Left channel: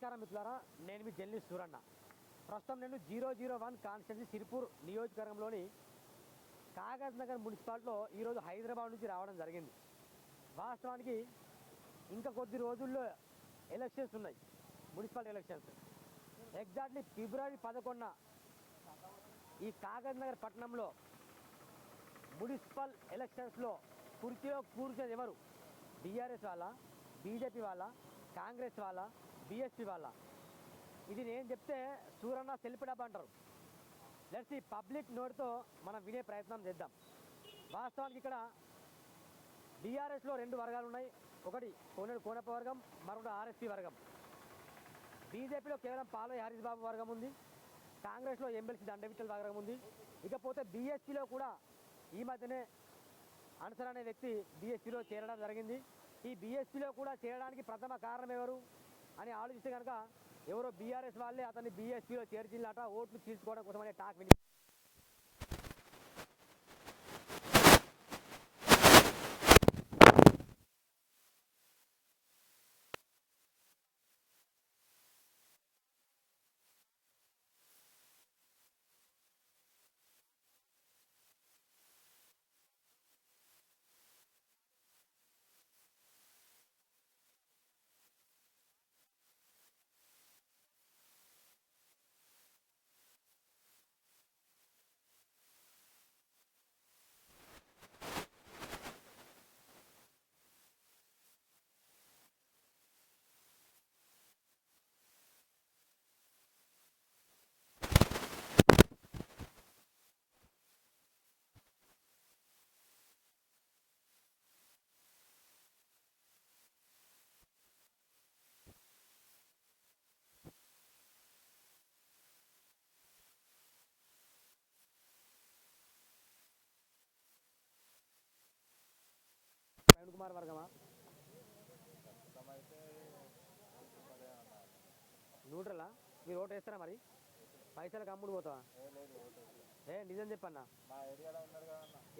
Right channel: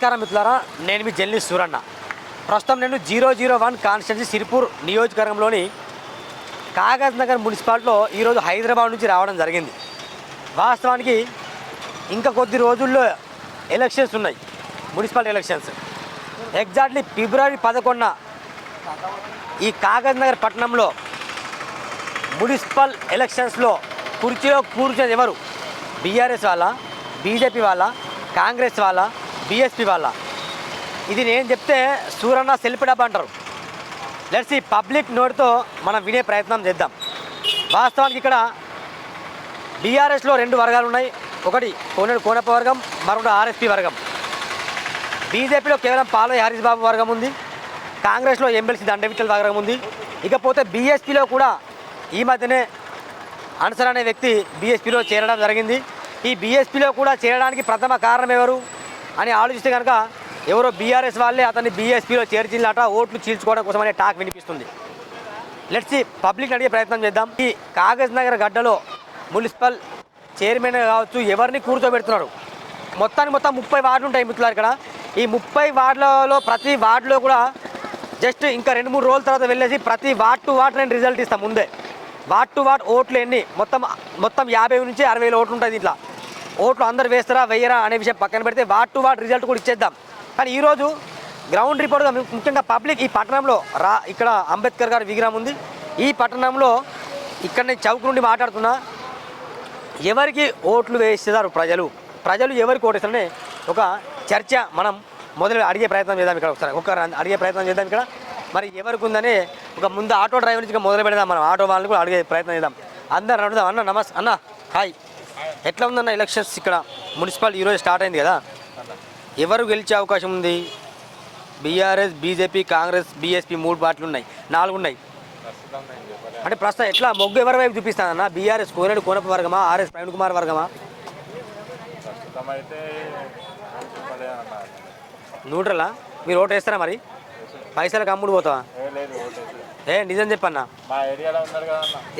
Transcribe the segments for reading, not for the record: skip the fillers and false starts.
నమస్కారం మిత్రులారా, నేను మీ జర్నలిస్ట్ సూరన్న. ప్రస్తుతం నేను 001 కాన్స్టిట్యున్సీ సిరిపూర్ నియోజకవర్గంలోని కాగజ్ నగర్ మున్సిపాలిటీలో ఈరోజు హైదరాబాద్ నుంచి రావడం జరిగింది. వాస్తవానికి ఇంకా కొద్ది రోజుల్లో ఎలక్షన్స్ ఉన్నాయి, మున్సిపాలిటీ ఎలక్షన్స్. ఎగ్జాక్ట్లీ ఫిబ్రవరి 11న ఈ కాగజ్ నగర్ పట్టణంలో మున్సిపల్ ఎలక్షన్స్లో కుర్చీలో కూర్చునేది ఎవరు? బీఆర్ఎస్ వాళ్ళ, బీజేపీ వాళ్ళ, కాంగ్రెస్ వాళ్ళ, బీఎస్పీ వాళ్ళ? ఇది నేను చెప్తే సూరన్న సెల్ఫీ డబ్బా అంటారు. లెట్స్ ఈ పబ్లిక్ నోట్తో మనం వినే ప్రయత్నం చేద్దాం. వాస్తవానికి ఇక్కడ బీఆర్ఎస్లో రెండు వర్గాలు ఉన్నాయి. ఒకటి కోనప్ప వర్గం, మరొకటి ఆర్ఎస్పీ వర్గం. బీజేపీలో కేవలం పాలయ్య హరీష్ బాబు వర్గం ఉంది. కాంగ్రెస్లో ఎమ్మెల్సీ దండవిట్టల్ వర్గం ఉంది. ఇకపోతే బీఎస్పీలో కూడా ఈ మధ్యనే అన్సర్ అనే వ్యక్తి బీఎస్పీలో చేరడం జరిగింది. ఈ బీఎస్పీలో కూడా చేరడానికి ప్రథమ కారణం ఎవరు అని ఆలోచిస్తే కనుక ఎవరో బీఆర్ఎస్ వాళ్ళే అతన్ని బీఎస్పీలో చేర్చినట ఓట్లు చీల్చుకోవడం కోసం అనే టాక్ వినిపిస్తుంది. లెట్స్ పబ్లిక్ అడిగే ప్రయత్నం చేద్దాం. ఈ కాగజ్ నగర్ గడ్డలో మున్సిపల్ చైర్మన్ కావచ్చు ఎవరిని కూర్చోబెడుతున్నారు? మొత్తం 30 వార్డులు ఉంటాయి మిత్రులారు. ఇక్కడ ఈ 30 వార్డులలో ప్రతి వార్డులో కూడా జస్ట్ ఇంకా 2-3 రోజుల తర్వాత వెళ్ళేసి ప్రతి వార్డ్ టు వార్డ్ నేను రిజల్ట్ ఇస్తాను ముందే. వార్డ్ టు వార్డ్ ఓట్లు ఎన్ని మొత్తం 50 నుంచి 60 ఓట్లు ఉంటుంది. ఇట్లా ఓట్లు అందరు వేస్తారా వేయరా అనే విషయం పక్కన పెడితే వార్డ్ టు వార్డ్ రిజల్ట్ కూడా ఇచ్చేద్దాం. కానీ ఈరోజు గ్రౌండ్ రిపోర్ట్గా ముఖ్యంగా పబ్లిక్ ఈ పట్టణంలో ఇక్కడ అంబేద్కర్ గారి విగ్రహం ఉంది. ఈ పట్టణంలో ఇక్కడ నేను చౌక్ నుండి మాట్లాడుతున్నా. ఎవరికి ఓట్లు వేస్తారు ప్రజలు ఎవరికి ఓటేస్తారనే ఒక చర్చ మనం మొదలు అడిగే ప్రయత్నం చేద్దాం. ఇక్కడ ఒకసారి అడిగే ప్రయత్నం చేద్దాం. ఇక్కడ మరి ఎవరికి ఉందని ఒక ముందు ఆటో డ్రైవర్ నుంచి మొదలు పెడదాం. మనం ఆటో వాళ్ళని కూడా అడిగే ప్రయత్నం చేద్దాం. అందరు అడుగుదాం. అన్న నమస్తే. అన్న హాయ్, ఎట్లా ఉందన్న ఎలక్షన్స్? ఇక్కడ మున్సిపల్ ఈరోజు స్టార్ట్ అయింది కదా, ఎవరు గెలిచే అవకాశం ఉంది? బీఆర్ఎస్, బీజేపీ, కాంగ్రెస్, బీఎస్పీ 3 పార్టీలు ఉన్నాయి, 4 ఉన్నాయి. అంటే ప్రస్తుతం ఎట్లా మొగ్గు ఎవరి వైపు చూపిస్తానన్న? బీఆర్ఎస్ కోనప్ప వర్గమా, ఆర్ఎస్ ప్రవీణ్ కుమార్ వర్గమా? న్యూట్రలా? మీరు ఓటు వేస్తారా? మరి పైసలకు అమ్ముడు పోతావా? నిజం చెప్పన్నా.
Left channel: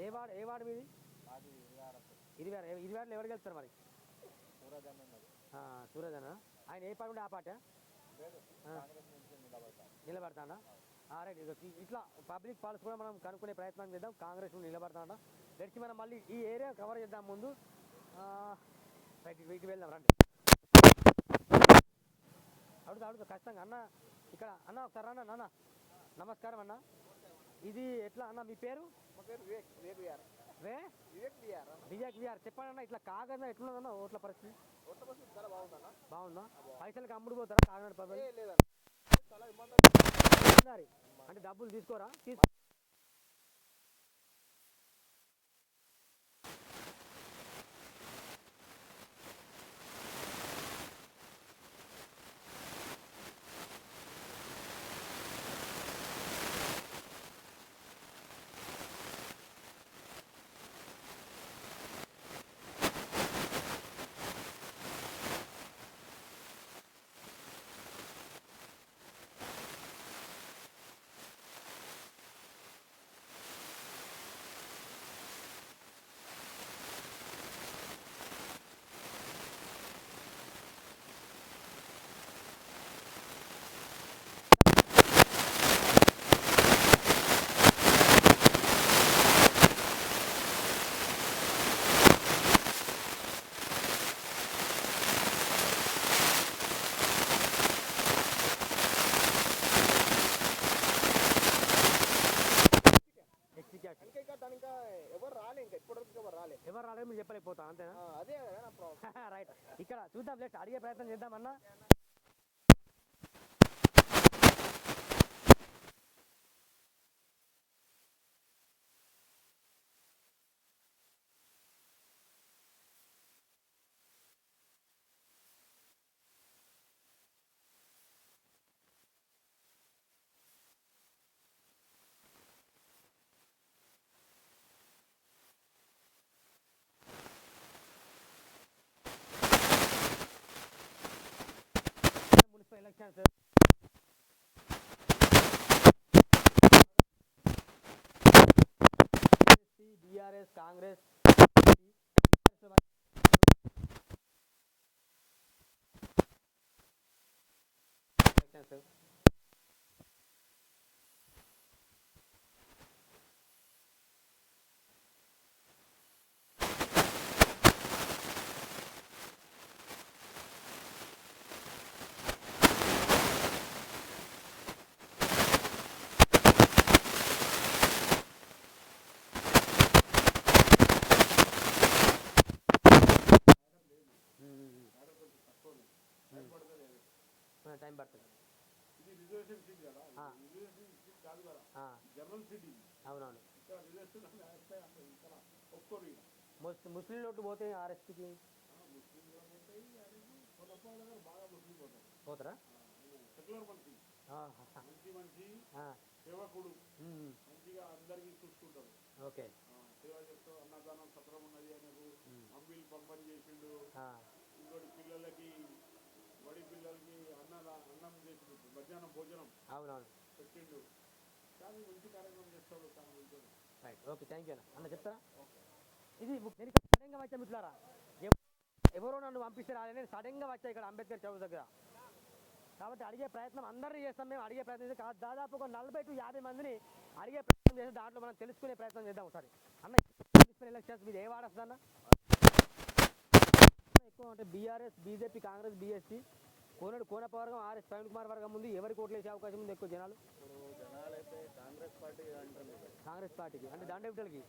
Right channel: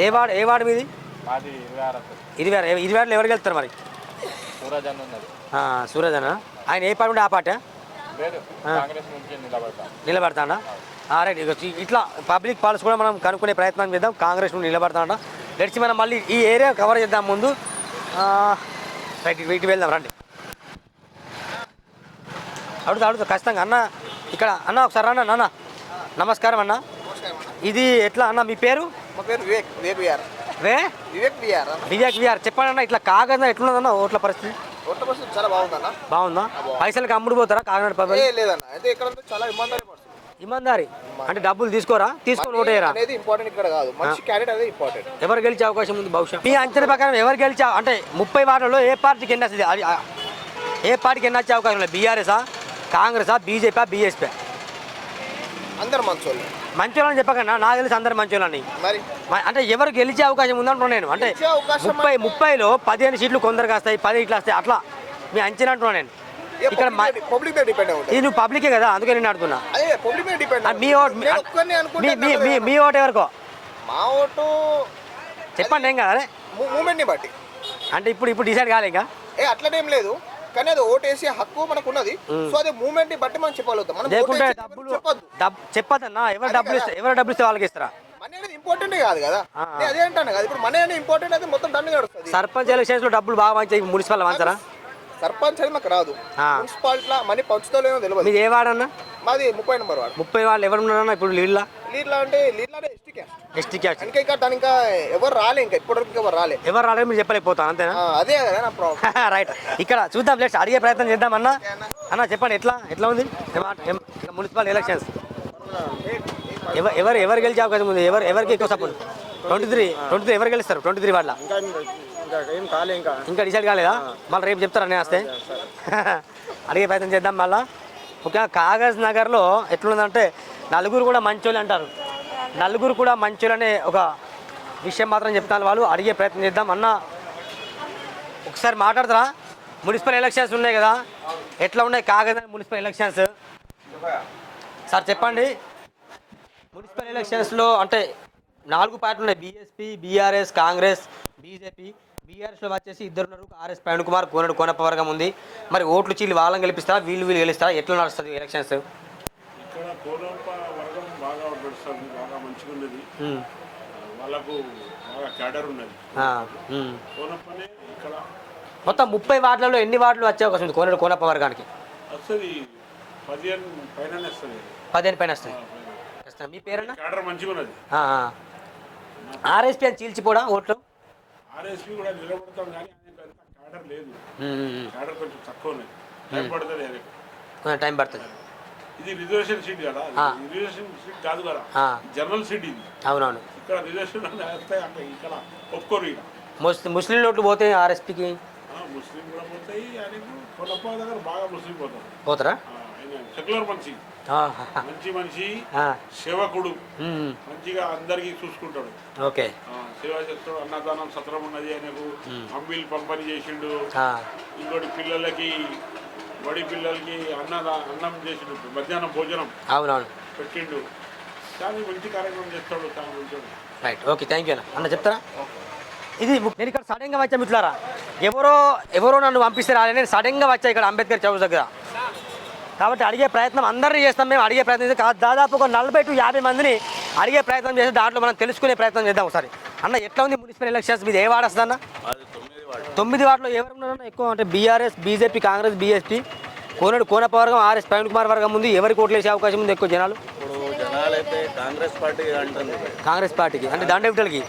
ఏ వార్డు మీది? 26 ఎవరికి వెళ్తారు మరి? సూరజ్ అన్న. ఆయన ఏ పార్టీ ఉంటే ఆ పార్టీ నిలబడతాడా? రైట్. ఇట్లా పబ్లిక్ పాలసీ కూడా మనం కనుక్కునే ప్రయత్నం చేద్దాం. కాంగ్రెస్ నుండి నిలబడతాడా? లెట్స్ మనం మళ్ళీ ఈ ఏరియా కవర్ చేద్దాం ముందు. రైట్, ఇటు వెళ్దాం రండి. అడుగుతా ఖచ్చితంగా అన్న. ఇక్కడ అన్న ఒకసారి అన్న. నాన్న నమస్కారం అన్న. ఇది ఎట్లా అన్న మీ పేరు? మా పేరు వివేక్ విఆర్. చెప్పండి అన్న, ఇట్లా కాగజ్ ఎట్లున్నదన్న ఓట్ల పరిస్థితి? ఓట్ల పరిస్థితి చాలా బాగుందా? పైసలకి అమ్ముడు పోతారా కాకినాడ పబ్లిక్? లేదన్న, అయితే ఇక్కడ చాలా ఇబ్బందారి. అంటే డబ్బులు తీసుకొని ఓటు వేయరా అనేది ఇంపార్టెంట్ ఇక్కడ కాదు, మంచి క్యాండిడేట్ అనేది ఇంపార్టెంట్. ఎవరు గెలిచే అవకాశం ఉంది భవిష్యత్ మీ అంచనా ప్రకారం? ఎవరు గెలిచా అంటే 30 వార్డులలో ఏ పార్టీకి ఎన్ని వస్తుంది? ఏ పార్టీకి ఎన్ని వచ్చే అవకాశం లేదు? బీఆర్ఎసా, కాంగ్రెసా, బీజేపీ, బీఎస్పీ? అందరు మంచోళ్ళని చెప్పకన్నా, నాకు తెలిసి అందరు మంచోళ్ళని. అంటే ఎవరు గెలిచే అవకాశం ఉందంటున్నాను నేను. అంటే 30లో 15 సీట్లు కొందరికి వస్తాయి, 10 ఇట్లా వస్తాయి, అట్లా మీ అంచనా అంటున్నాను నేను. ఇక్కడ ఇది నువ్వు పబ్లికే కదా, అందుకే నేను అడుగుతున్నా. మీ ఓటు ఎవరికో? మా ఓటు చెప్పండి. ఏం కదా మూమెంట్ని బట్టి. అంటే ఇప్పుడు డిసైడ్ కాలే ఇంకా? అట్లనేం లేదు, కానీ అది ఓటు వేసే హక్కు మనకు ఉన్నది. సో అదే మూమెంట్ ని బట్టి మనం చెప్పగలుగుతాం. లేకుంటే చెప్పదన్నా. ఎవరు డబ్బులు ఇస్తే వాళ్ళకి ఇస్తారా? ఇంపార్టెంట్ కాదు కదా, అదేంటాను కదా. ఇప్పుడు మనీ అనేది ఇంపార్టెంట్ అయితే మొత్తం దాన్ని కాదు. సర్పంచ్ ఎలక్షన్స్ లో డబ్బులు బాగా మంచి మున్సిపల్ మంచారా? సర్పంచ్ అయితే నాకు రాదు. మున్సిపాలిటీలో మనీ పంచుతాలేమో తెలియదు. నీకు ఏ వాడన్నా? అది 30 నెంబర్ వాడు. 30 వాళ్ళు ఎవరు ఉన్నారన్నా ఇప్పుడు నీళ్ళ అంటే ఎస్టీ క్యాస్ట్. ఇంకా ఎవరు రాలే, ఇంకా ఇప్పటివరకు ఎవరు రాలేదు. మీరు చెప్పలేకపోతాను అంతేనా? అదే కదా నా ప్రాబ్లం. రైట్. ఇక్కడ చూద్దాం, లెట్స్ అడిగే ప్రయత్నం చేద్దాం. అన్న చెప్పండి, ఎట్లా ఉంది మున్సిపల్ ఎలక్షన్స్? ఎవరు గెలిచే అవకాశం ఉంది? ఎవరికి ఎక్కువ సపోర్ట్? 23 ఎవరు గెలుస్తారు? 23 వాళ్ళ ఇంకా డిసైడ్ కాలేదా? మళ్ళీ రేపు చెప్తారా నేను వస్తే? అడిగే ప్రయత్నం చేద్దాం. మళ్ళీ ముఖ్యంగా కాగజ్ నగర్లో ఎట్లుందంటే నలుగురు కూడా మంచోళ్ళు అంటారు. నలుగురు కూడా మంచోళ్ళనే ఒక విషయం మాత్రం చెప్తాను. వాళ్ళు అడిగే ప్రయత్నం చేద్దాం. అన్న ఒకసారి మాట్లాడతారా? మున్సిపల్ ఎలక్షన్స్ ఉన్నాయి కదా, ఎట్లా ఉన్నాయి కాగజ్ మున్సిపల్ ఎలక్షన్స్? సార్ చెప్పండి. మున్సిపల్ ఎలక్షన్స్లో అంటే 4 పార్టీలు ఉన్నాయి. BSP, BRS, Congress, BJP. BRS బీఆర్ఎస్లో వచ్చేసి ఇద్దరు ఉన్నారు. ఆర్ఎస్ ప్రవీణ్ కుమార్, కోనడు కోనప్పవర్గం ఉంది. మరి ఓట్లు చీలు వాళ్ళని గెలిపిస్తారా, వీళ్ళు గెలుస్తారా? ఎట్లా నడుస్తుంది ఎలక్షన్స్? ఇక్కడ కోనప్ప వర్గం బాగా నడుస్తుంది, బాగా మంచిగా ఉన్నది. వాళ్ళకు బాగా క్యాడర్ ఉన్నది. కోనప్పనే ఇక్కడ మొత్తం 30 వార్డులలో ఎన్ని వార్డులు వచ్చే అవకాశం ఉంది కోనడు కోనప్ప వర్గానికి? వస్తుంది 15 పైన వస్తుంది. 15 పైన వస్తుంది. మీ పేరు? క్యాడర్ మంచిగా ఉన్నది. ఆర్ఎస్కే చీల్చి కూడా ఓట్లు నిలబడతాం కానీ క్యాడర్ లేదు. క్యాడర్ కొంచెం తక్కువ ఉన్నది. టైం పడుతుంది. అది టైం పడుతుంది. ఇది రిజర్వేషన్ సీట్ కదా, రిజర్వేషన్ సీట్ కాదు కదా, జనరల్ సీట్ ఇది. అవునవును. ఇక్కడ రిజర్వేషన్ వస్తాయి అంటే ఇక్కడ ఒప్పుకోరు. ఇక్కడ ముస్లిం ఓట్లు పోతే ఆర్ఎస్పీకి ముస్లిం కూడా పోతాయి. ఆయన కోనప్ప దగ్గర బాగా ముస్లిం పోతారు. పోతారా? సెక్యులర్ మనిషి, మంచి మనిషి, సేవకుడు, మంచిగా అందరికి చూసుకుంటాడు. ఓకే. సేవ చేస్తాడు. అన్నదానం సత్రం ఉన్నది ఆయనకు. అంబిల్ పంపిణీ చేసిండు. ఇంకోటి పిల్లలకి, బడి పిల్లలకి అన్నం చేసిండు. మధ్యాహ్నం భోజనం అవునవును పెట్టిండు. కానీ మంచి కార్యక్రమం చేస్తాడు. చాలా మంచిగా. రైట్, ఓకే, థ్యాంక్ యూ అన్న చెప్తారా? ఇది నేను ఇక్కడ సడన్గా వచ్చా మిట్లారా, ఎవరో నన్ను పంపిస్తే రాలే, నేను సడన్గా వచ్చా ఇక్కడ అంబేద్కర్ చౌక్ దగ్గర. కాబట్టి అడిగే ప్రయత్నం అందరినీ చేస్తాం. మేము అడిగే ప్రయత్నం చేస్తాం. దాదాపు ఒక 40 to 50 మందిని అడిగే ప్రయత్నం చేసి దాంట్లో మనం తెలుసుకునే ప్రయత్నం చేద్దాం ఒకసారి. అన్న ఎట్లా ఉంది మున్సిపల్ ఎలక్షన్స్? మీది ఏ వార్డు వస్తుంది అన్న? 9 వార్డులో ఎవరున్నారన్న ఎక్కువ? అంటే బీఆర్ఎస్, బీజేపీ, కాంగ్రెస్, బీఎస్పీ, కోనడు కోనప్ప వర్గం, ఆర్ఎస్ ప్రవీణ్ కుమార్ వర్గం ఉంది. ఎవరికి ఓట్లు వేసే అవకాశం ఉంది ఎక్కువ జనాలు? జనాలు అయితే కాంగ్రెస్ పార్టీ అంటుంది. కాంగ్రెస్ పార్టీకి అంటే దండవిటలకి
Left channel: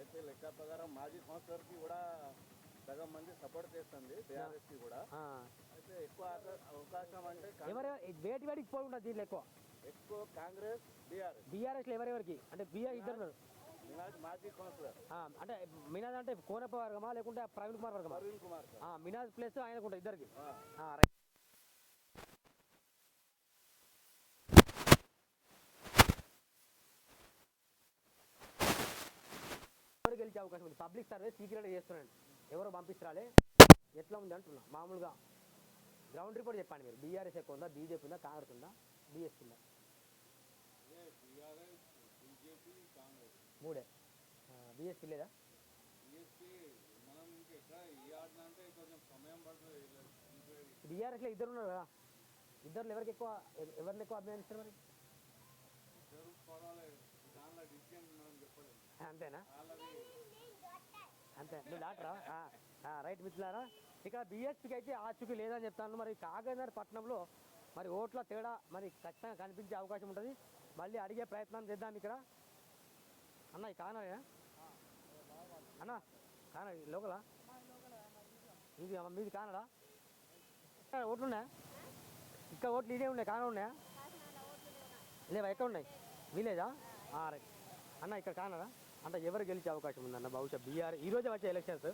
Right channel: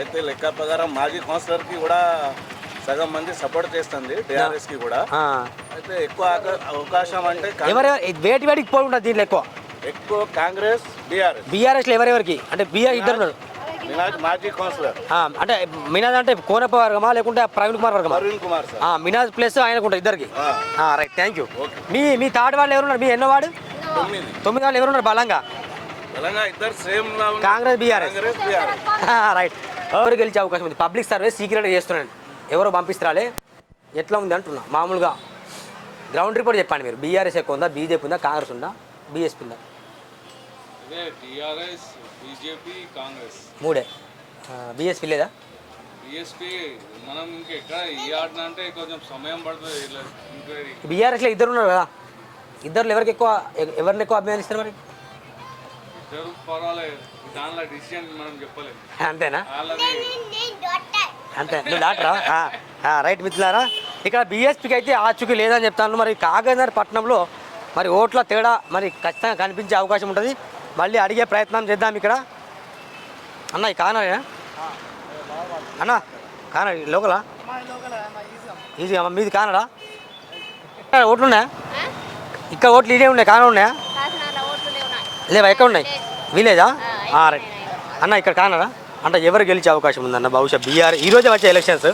అయితే లెక్క ప్రకారం మాజీ కౌన్సిలర్కి కూడా సగం మంది సపోర్ట్ చేస్తుంది, టీఆర్ఎస్కి కూడా. అయితే ఎక్కువ అవకాశం అంటే వేటికి పోకుండా దీంట్లో ఎక్కువ కాంగ్రెస్, బీఆర్ఎస్లో ఎవరెవరికి? అంటే బీఆర్ ఇద్దరు ఉన్నారు. మినాజ్ మాజీ కౌన్సిలర్. అంటే మినాజ్ అంటే కోనప్ప వర్గమా లేకుంటే ప్రవీణ్ కుమార్ వర్గమా? ప్రవీణ్ కుమార్ సార్. మినాజ్ ప్లస్ ఆయనకుంటా ఇద్దరికి. Right, thank you. Me third వాళ్ళు ఎవరున్నారు? మీ ఎన్నో వాడు? 9 వాళ్ళు ఎవరున్నారు బలంగా? ఇద్దరు సేమ్ కాంగ్రెస్, బీఆర్ఎస్. రైట్. ఎవరు గెలిచే అవకాశం ఉంది? పబ్లిక్ సర్వీస్ సీక్రెట్గా చేస్తున్నాను. ఎవరో పంపిస్తారాలే, ఎట్లా ఉంది అంటున్నా. మామూలుగా గ్రౌండ్ రిపోర్ట్ చెప్పండి మీరు. బీఆర్ఎస్ ఎక్కువ ఉందా, బీజేపీ ఉందా, కాంగ్రెస్ ఉందా, బీఎస్పీ ఉందా? టీఆర్ఎస్, బీజేపీ, కాంగ్రెస్ మూడే. బీఎస్పీ లేదా? బీఎస్పీ మనం ఇంకెక్కడ ఈ ఆడిన అంటే కొంచెం సమయం పడుతుంది. ఇంక్వైరీ బీఆర్ఎస్లో ఇద్దరు ఉన్నారు కదా, ఇద్దరు ఎవరికి ఎక్కువ, ఎవరిని ఎక్కువ అభిమానిస్తారు మరి? ఇద్దరు పర్వాలేదు. దానిలో డిసిజన్ మనం చెప్పలేము. అంతేనా? వాళ్ళది అంతే. నువ్వు డాక్టరా? రైట్ మిత్రులారా, ఇక్కడ బీఎస్పీకి అయితే ఆచూకీ లేదని చెప్తాను. మరి కాగజ్నగర్ పట్టణంలో మరి ఓట్ల తేడా మరి ఖచ్చితంగా కనిపించే అవకాశం ఉంటుంది. మళ్ళీ అడిగే ప్రయత్నం చేద్దాం ఇక్కడ. అన్న ఈ కానడా అన్న? కానడా లోకలా? ఈజీ అమ్మ. మీది కానడా? ఓట్లు ఉన్నాయా ఇక్కడ? ఓట్లు ఇదే ఉన్నాయి, కానా ఉన్నాయా? లేవా? ఎక్కడ ఉన్నాయి? విలేజా? రైట్ అన్న, ఇక్కడ కానడా అంటే ఎవరు గెలిచే అవకాశం ఉందన్న బహుశా? బీఆర్ ఈరోజే వచ్చే ఎలక్షన్స్.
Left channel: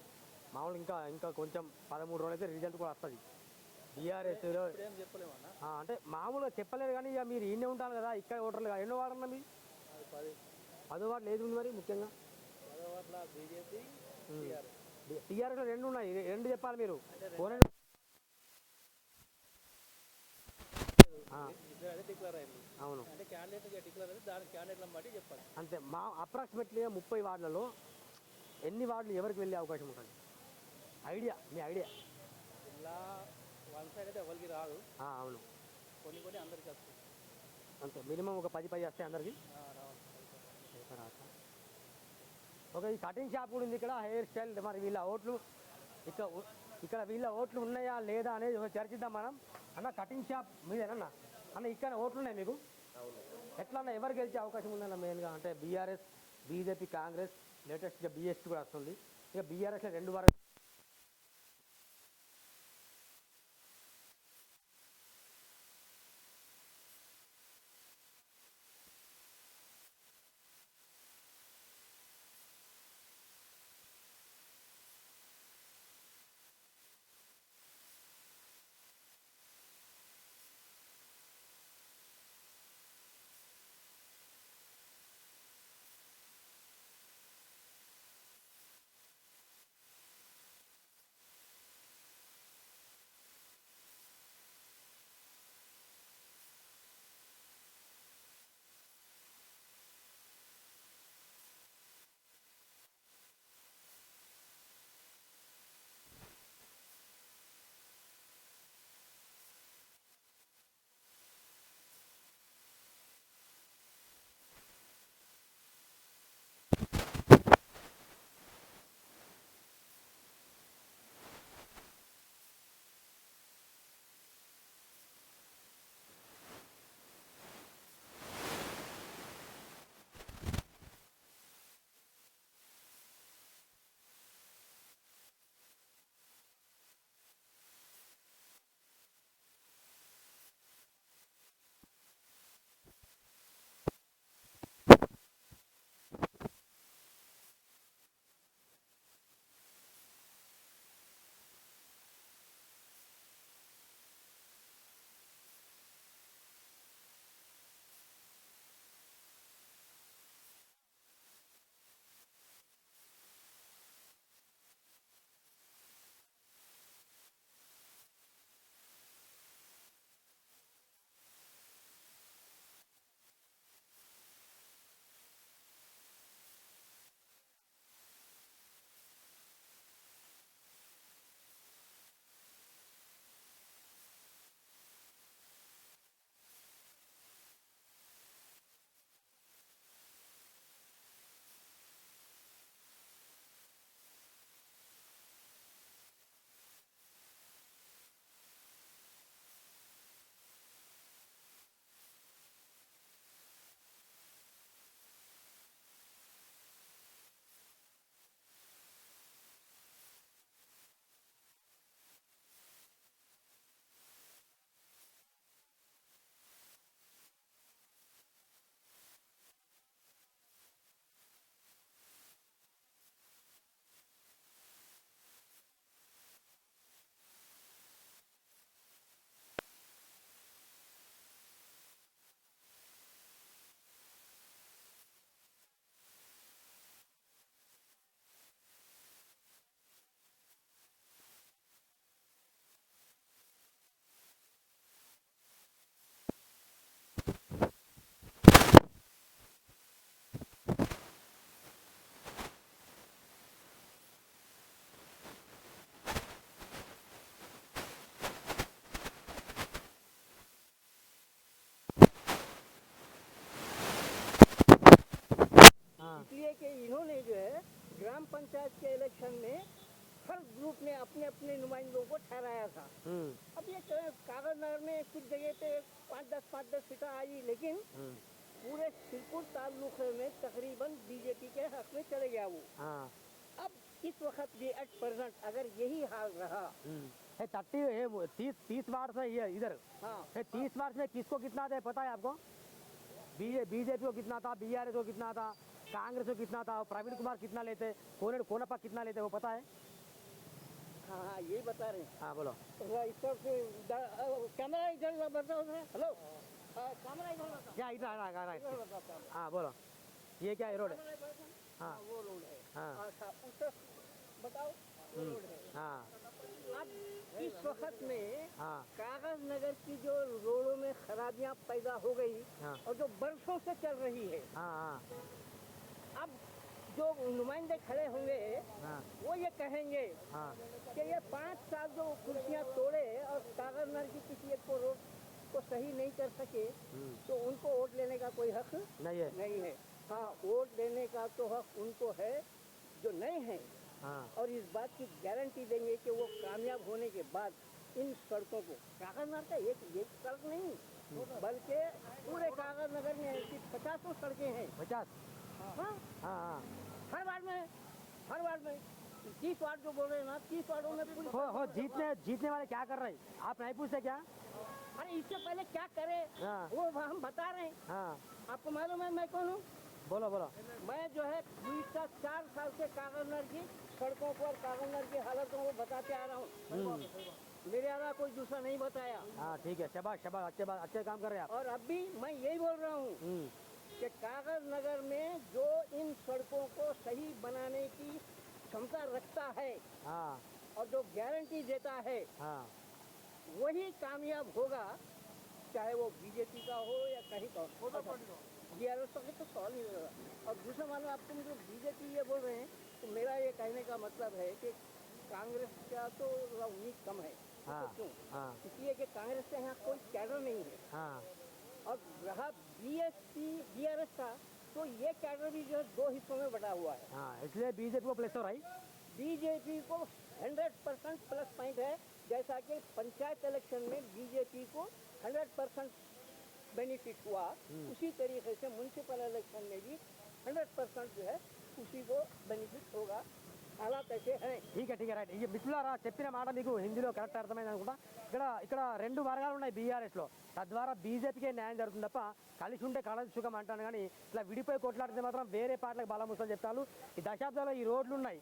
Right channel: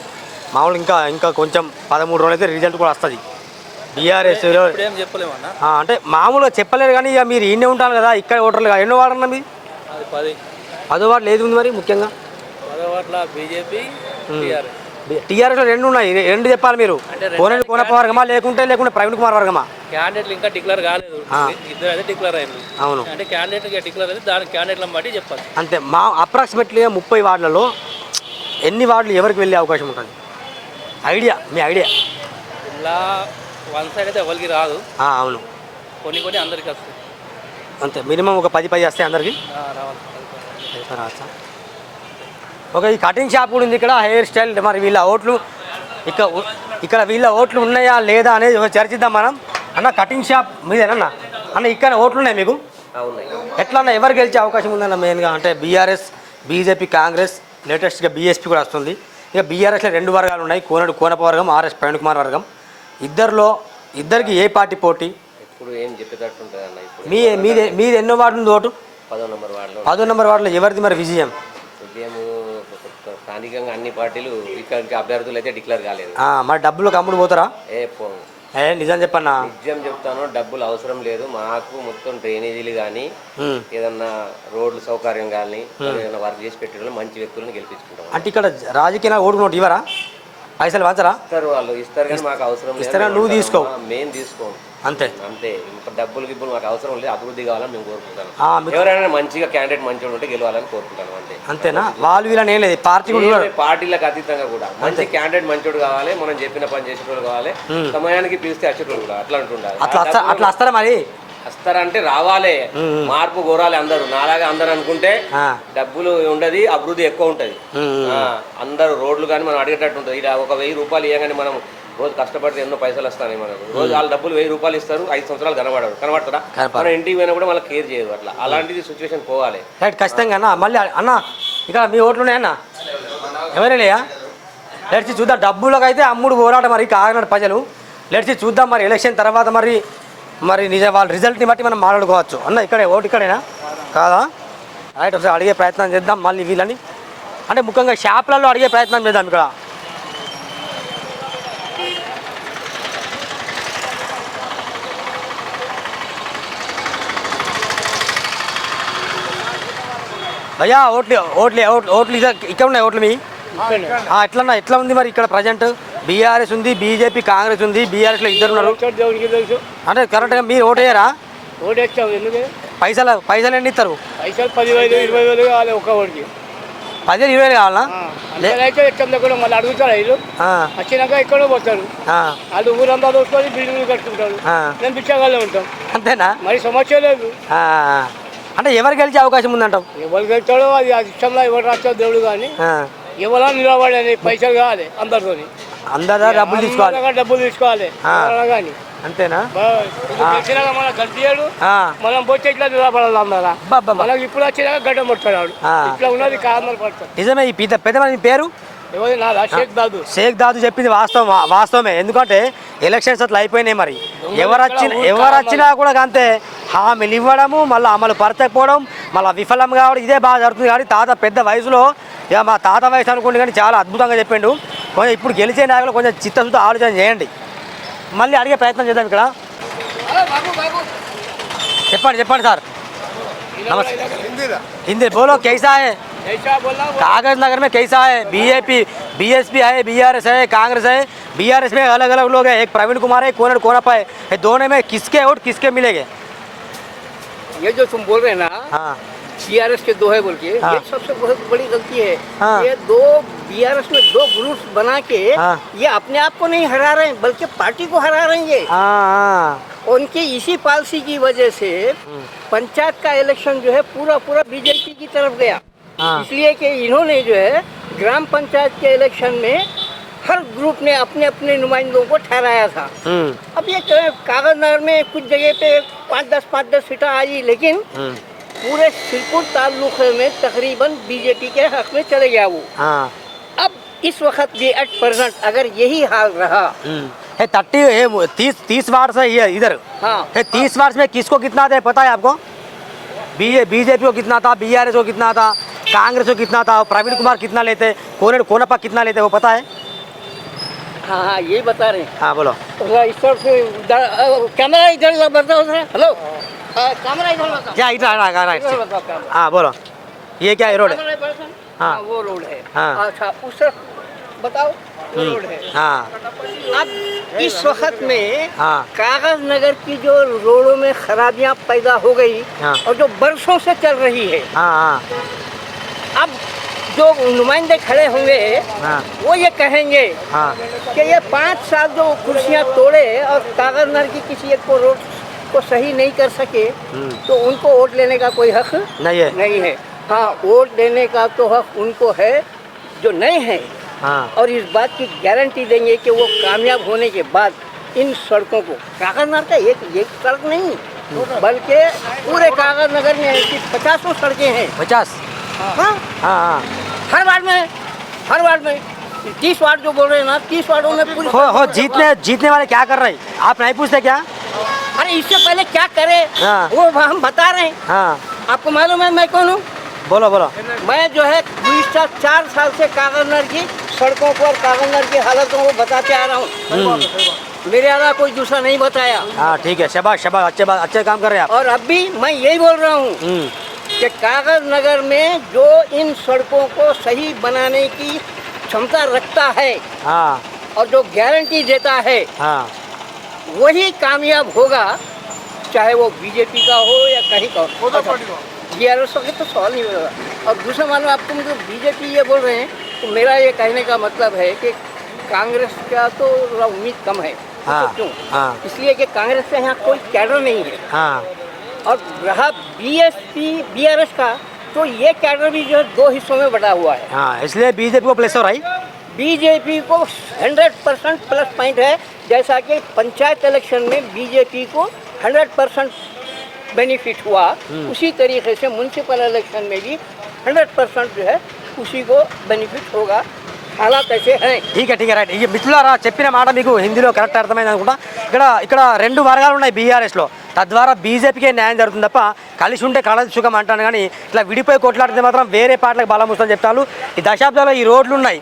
మామూలు ఇంకా కొంచెం 13 రోజులు అయితే రిజల్ట్ కూడా వస్తుంది. బీఆర్ఎస్ అంటే మామూలుగా చెప్పలేరు కానీ ఇక మీరు ఈయనే ఉంటారు కదా, ఇక్కడ ఓటర్లు ఎన్నో వాడన్నా మీ? 10 వార్డులు ఏది ఉంది మరి ముఖ్యంగా? టీఆర్ఎస్లో 2 ఉన్నాయి. 2 చెప్పాలి మీరు. కోనప్ప వర్గమా లేకుంటే ప్రవీణ్ కుమార్ వర్గమా? క్యాండిడేట్లు ఇంకా డిక్లేర్ కాలేదు. ఇద్దరు అయితే డిక్లేర్ అయ్యారు. అవును. అంటే క్యాండిడేట్ డిక్లేర్ అయితే దాని క్యాండిడేట్లను బట్టి చెప్పాలి. అంతే. అప్రాక్సిమేట్లీగా 30 వార్డులలో ఎన్ని వార్డులు ఎవరికి వెళ్ళే అవకాశం ఉంటుంది? మీ ఐడియా? ఇలా వన్ సైడ్ అయితే ఎవరికి రాదు. అవును. కొన్ని అందరికి వస్తాయి. అంతే. మినిమం ఒక 10 వస్తాయి అందరికి. రావచ్చా? ఓకే. ఈ కటింగ్ షాప్ కూడా ఉంది ఇక్కడ, హెయిర్ స్టైల్. మరి వీళ్ళ ఓట్లు ఇక్కడ వీళ్ళ ఓట్లు ఉన్నాయా లేదా అనేది చర్చిద్దాం మనం. అన్న కటింగ్ షాప్ మీదేనన్నా? అన్న ఇక్కడ ఓట్లు ఉన్నాయి మీకు? ఎట్లా అన్న ఎవరు గెలిచే అవకాశం ఉందన్న మెయిన్గా? అంటే బీఆర్ఎస్, బీజేపీ, కాంగ్రెస్, లేటెస్ట్గా బీఎస్పీ కూడా వస్తుంది. ఇక బీఆర్ఎస్లో 2 వర్గాలు ఉన్నాయి, కోనప్ప వర్గం, ఆర్ఎస్ ప్రవీణ్ కుమార్ వర్గం. ఇద్దరికి ఏ పార్టీ పోటీ? ఇప్పుడు ఏం చెప్పేటట్టు ఉంటుంది అన్న. ఇప్పుడు మీది ఎన్నో వార్డు ఉంది ఓటు? 10వ నెంబర్ వార్డులో. 10వ నెంబర్ వార్డులో ఎవరిది మరి విజయం? స్థానికంగా అన్ని పార్టీలు ఇక్కడికి అభ్యర్థులు అయితే డిక్లేర్ కాలేదు. మరి డబ్బులు కమ్ముడు పోతారా? నిజం చెప్పన్నా. నిజం చెప్తాను, డబ్బులు అవసరం లేదు మాకు. మొత్తం డ్రైనేజీలు కానీ ఏదన్నా రోడ్లు సౌకర్యం కానీ ఏదైనా వర్క్ చేసి పెట్టడం మంచి వ్యక్తులను గెలిపించుకుంటాం. అంటే ఇక్కడ రాజకీయ ఓటు నోటు ఇవ్వరా? పైసలు పంచరా? ఇస్తారు, వాళ్ళు ఇస్తారు కానీ మాకు అవసరం లేదు. ఇస్తారా? నువ్వు తీసుకో. మేము తీసుకోం. అంతే అంతే. ఇంకా డబ్బులు గిబ్బులు మాకు అవసరం లేదు, అభివృద్ధి కావాలని మేము కోరుకుంటాను. మీకు ఎవరైనా మంచిగా క్యాండిడేట్ మంచిగా ఉంటే గెలవాలని కోరుకుంటాను అంతే. అంతేనా? వాళ్ళు వీళ్ళని ఏం లేదు, పార్టీ కూడా పార్టీలకు అతీతంగా కూడా మంచి క్యాండిడేట్ మంచోడు కావాలి, మనం చెప్పిన పని చేసేటోళ్ళు కావాలి, సమయానికి పిలిస్తే వచ్చేటోళ్ళు కూడా అట్లా అంటుండాలి. అట్లా వస్తారా మరి? వస్తారంటే రావాలి, మార్పు కోరాలి అందరూ. నాలాగా అందరూ అనుకుంటే డబ్బులు ఉండదు, అభివృద్ధి ఎక్కువ ఉంటుంది. అందరూ రోడ్లు కానీ మనం అడిగేటట్టు ఉంటుంది. ఇలా ఒక 1000 రూపాయలు ఇవ్వగానే మనం రోజు కష్టపడితే ఎన్నో పైసలు వస్తాయి మనకు. రోజు వాళ్ళ డబ్బులు 1000 రూపాయలు ఇస్తారు, 5 సంవత్సరాలు కనబడతారా? మనం ఇంటికి పోయినా కూడా వాళ్ళకి కేర్ చేయరు. అట్లా అలాంటిది సిచ్యువేషన్ పోవాలి. రైట్, ఖచ్చితంగా అన్న. మళ్ళీ అన్న ఇక్కడ మీ ఓట్లు ఉన్నాయన్న? ఎవరైనా లెట్సి చూద్దాం. డబ్బులకు అయితే అమ్ముడు పోరాటం మరి కాకినాడ ప్రజలు. లెట్సి చూద్దాం మరి ఎలక్షన్ తర్వాత మరి వాళ్ళ రిజల్ట్ని బట్టి మనం మాట్లాడుకోవచ్చు. అన్న ఇక్కడే ఓటు ఇక్కడేనా కాదా? రైట్, ఒకసారి అడిగే ప్రయత్నం చేద్దాం మళ్ళీ వీళ్ళని. అంటే ముఖ్యంగా షాప్లలో అడిగే ప్రయత్నం చేద్దాం ఇక్కడ. భయ్యా ఓట్లు ఇక్కడ ఉన్నాయి ఓట్లు మీ? ఎట్లా ఉంది మరి ఇక్కడ ప్రజెంట్? బీఆర్ఎస్ ఉంది, బీజేపీ, కాంగ్రెస్ ఉంది. బీఆర్ఎస్లో 2 ఉన్నారు. అంటే కరెక్ట్గా మీరు ఓటు వేయరా? ఓటేస్తాం. ఎందుకు? పైసలు ఎన్ని ఇస్తారు? పైసలు 10,000 20,000 కావాలి ఒక్క ఓడికి. 10,000 20,000 కావాలా? అయితే ఎక్కడ కూడా మళ్ళీ అడుగుతారు వీళ్ళు. వచ్చినాక ఎక్కడో పోతారు వాళ్ళు, ఊరంతా దోసుకొని బిల్డింగ్లు కట్టుకుంటారు. మేము బిచ్చగాళ్ళే ఉంటాం. అంతేనా? మరి సమస్య లేదు. అంటే ఎవరు గెలిచే అవకాశం ఉందంటాం? ఎవరు గెలుస్తాడో అది ఇష్టంలో ఎవరు రాస్తాడో దేవుడు. కానీ ఎవరా నిలబడని పైసలు కావాలి అందరితో. అందరూ డబ్బులు తీసుకోవాలి కానీ. అంతేనా? మన గడ్డియాడు మనం పోతే ఇట్లా నిలబడాలి అందరా. మనకి ఇప్పుడు వచ్చినాక గడ్డ ముట్టాడు. ఇట్లా ఉన్నది కారణాలు పడతారు. నిజమే. ఈ పెద్ద మంది పేరు షేక్ దాదు చెప్పింది వాస్తవమే. ఎందుకంటే ఎలక్షన్స్ అట్లా అయిపోయినాయి. మరి ఎవరు వచ్చినా కూడా అంతే హామీలు ఇవ్వడము, మళ్ళీ అమలు పరచకపోవడం, మళ్ళీ విఫలం కావడం, ఇదే బాగా జరుగుతుంది. కానీ తాత పెద్ద వయసులో, ఇక మా తాత వయసు అనుకోండి కానీ చాలా అద్భుతంగా చెప్పిండు. కొంచెం ఇప్పుడు గెలిచే నాయకులు కొంచెం చిత్తశుద్ధి ఆలోచన చేయండి. మళ్ళీ అడిగే ప్రయత్నం చేద్దాం ఇక్కడ. చెప్పండి సార్. नमस्ते। हिंदी बोलो, कैसा है? कागज नगर में कैसा है? बीजेपी बीएसपी है, बीआरएस है, कांग्रेस है। बीआरएस में अलग अलग लोग हैं, एक प्रवीण कुमार है, कोनप्पा है। दोनों में किसके वोट किसके मिलेंगे? ये जो तुम बोल रहे हैं ना, हाँ, बीआरएस के 2 है बोल के, हाँ, ये सबसे बहुत बड़ी गलती है। हाँ, ये बीआरएस में 2 ग्रुप्स बना के, हाँ, ये अपने आप को नहीं हरा रहे हैं बल्कि पार्टी को हरा रहे हैं। हाँ, उनकी इसी पॉलिसी की वजह से पंचायत का इलेक्शन जो है पूरा बीजेपी की तरफ गया। हाँ, इसलिए कि इन्होंने जो है ग्राम पंचायत के इलेक्शन में हर ग्रुप ने अपने अपने नुमाइंदों को ठहराया था। अब ये कागज नगर में कुछ जगह पे 5-10 सीटें आई, लेकिन पूरे सिरपुर तालुके में तकरीबन बीजेपी के हक में चले गया वो। हाँ, अब इस वक्त भी 8% अगर यही हाल रहा, 30 वार्ड से इधर, हाँ, 30 वार्ड में किसको कितना थे पता है आपको? बीजेपी को कितना था, बीआरएस को कितना था, कांग्रेस को कितना था, प्रवीण कुमार कितना लेते, कोनप्पा कितना लेते, वो पता है? हाँ, यही बता रहे हैं। हाँ बोलो। इस तरफ से कैमरा इधर बताओ। हेलो, कैमरा इधर बताओ। क्या इधर बताओ। हाँ बोलो, ये क्या रोड है? हाँ, वो रोड है। हाँ, अच्छा, उस तरफ बताओ, वो रोड है। हाँ, अब इस वक्त में हाँ, कागज नगर की जो रोडों में खराबियां पैदा हो गई, हाँ, और जो बरसों से चल रही है, हाँ, हाँ, अब जो नुमाइंदे खड़े होंगे, हाँ, वो ये कहेंगे हाँ, कि ये 5 साल जो कुर्सियां तोड़े और कागज नगर की किसी एक को रोड को सही नहीं कर सके, तो उनको वोट लेने का कोई हक नहीं है। हाँ, वोट देने का तो हक उनको है जो नए हैं, हाँ, और इस बात की गारंटी देंगे कि वो कामयाब होने के बाद इन सड़कों को, कागज नगर का एक सड़क नहीं बल्कि पूरे कागज नगर में ऐसी 50 सड़कें हैं। 50? हाँ, हाँ, हाँ, हर वार्ड में 30 वार्ड जो बोल रहे हैं ना, 30 वार्डों में पूरी हो जीतने वाले क्या कर रहे हैं? आप नहीं पूछते क्या? अरे इससे पहले क्या करे, हाँ, वो हम बता रहे हैं। हाँ, आपको मालूम है मैं कौन हूँ? बोलो बोलो। मैं जो है 4 साल से कागज नगर की सड़कों पर, कागज नगर की हालतों को बताते आ रहा हूँ। मेरे अलावा कोई दूसरा नहीं बताया। हाँ ठीक है, शाबाश शाबाश, अच्छे काम कर रहे हैं आप। और अब भी मैं यही बोल रहा हूँ कि कागज नगर में जो इन सड़कों को सही बनाने की क्षमता रखता है, हाँ, और जो गारंटी देता है, हाँ, वही कामयाब होगा, चाहे वो बीजेपी का हो या कहीं का हो। BRS का तो सवाल नहीं होगा। और दूसरा मानो आपको मुझे बीजेपी ये बोल रहे हैं, तो मेरा ये कहने का मतलब है कि कांग्रेस का तो उम्मीद कम है। हाँ, तो क्यों? हाँ। इसलिए कि कांग्रेस का यहाँ कोई कैडर नहीं है। हाँ और रहा BRS का, तो ये कैडर भी जो है 2 हिस्सों में बटा हुआ है। हाँ, इसलिए बीजेपी को प्लेस हो रहा है। बीजेपी को 100% प्लस पॉइंट है, जैसा कि पंचायत इलेक्शन में बीजेपी को 100% बेनिफिट हुआ, उसी तरीके से म्यूनसिपल इलेक्शन में भी 100% जो है उसी को बेनिफिट होगा। हालात ऐसे हैं। ठीक है రైట్. ఇక మిత్రులారా చెప్పిన మాట మీకు హిందీలో కరెక్ట్ అర్థమైంది అనుకుంటా. ఇక్కడ 2 వర్గాలు ఉన్నాయి బీఆర్ఎస్లో. తద్వారా బీజేపీకే న్యాయం జరుగుతుంది తప్ప కలిసి ఉంటే కళది సుఖం అంటాను. కానీ ఇట్లా విడిపోయి కొట్లాడితే మాత్రం వేరే పార్టీలకు బలం వస్తుందని చెప్తాను. ఈ దశాబ్దాల్లో ఈ రోడ్లు ఉన్నాయి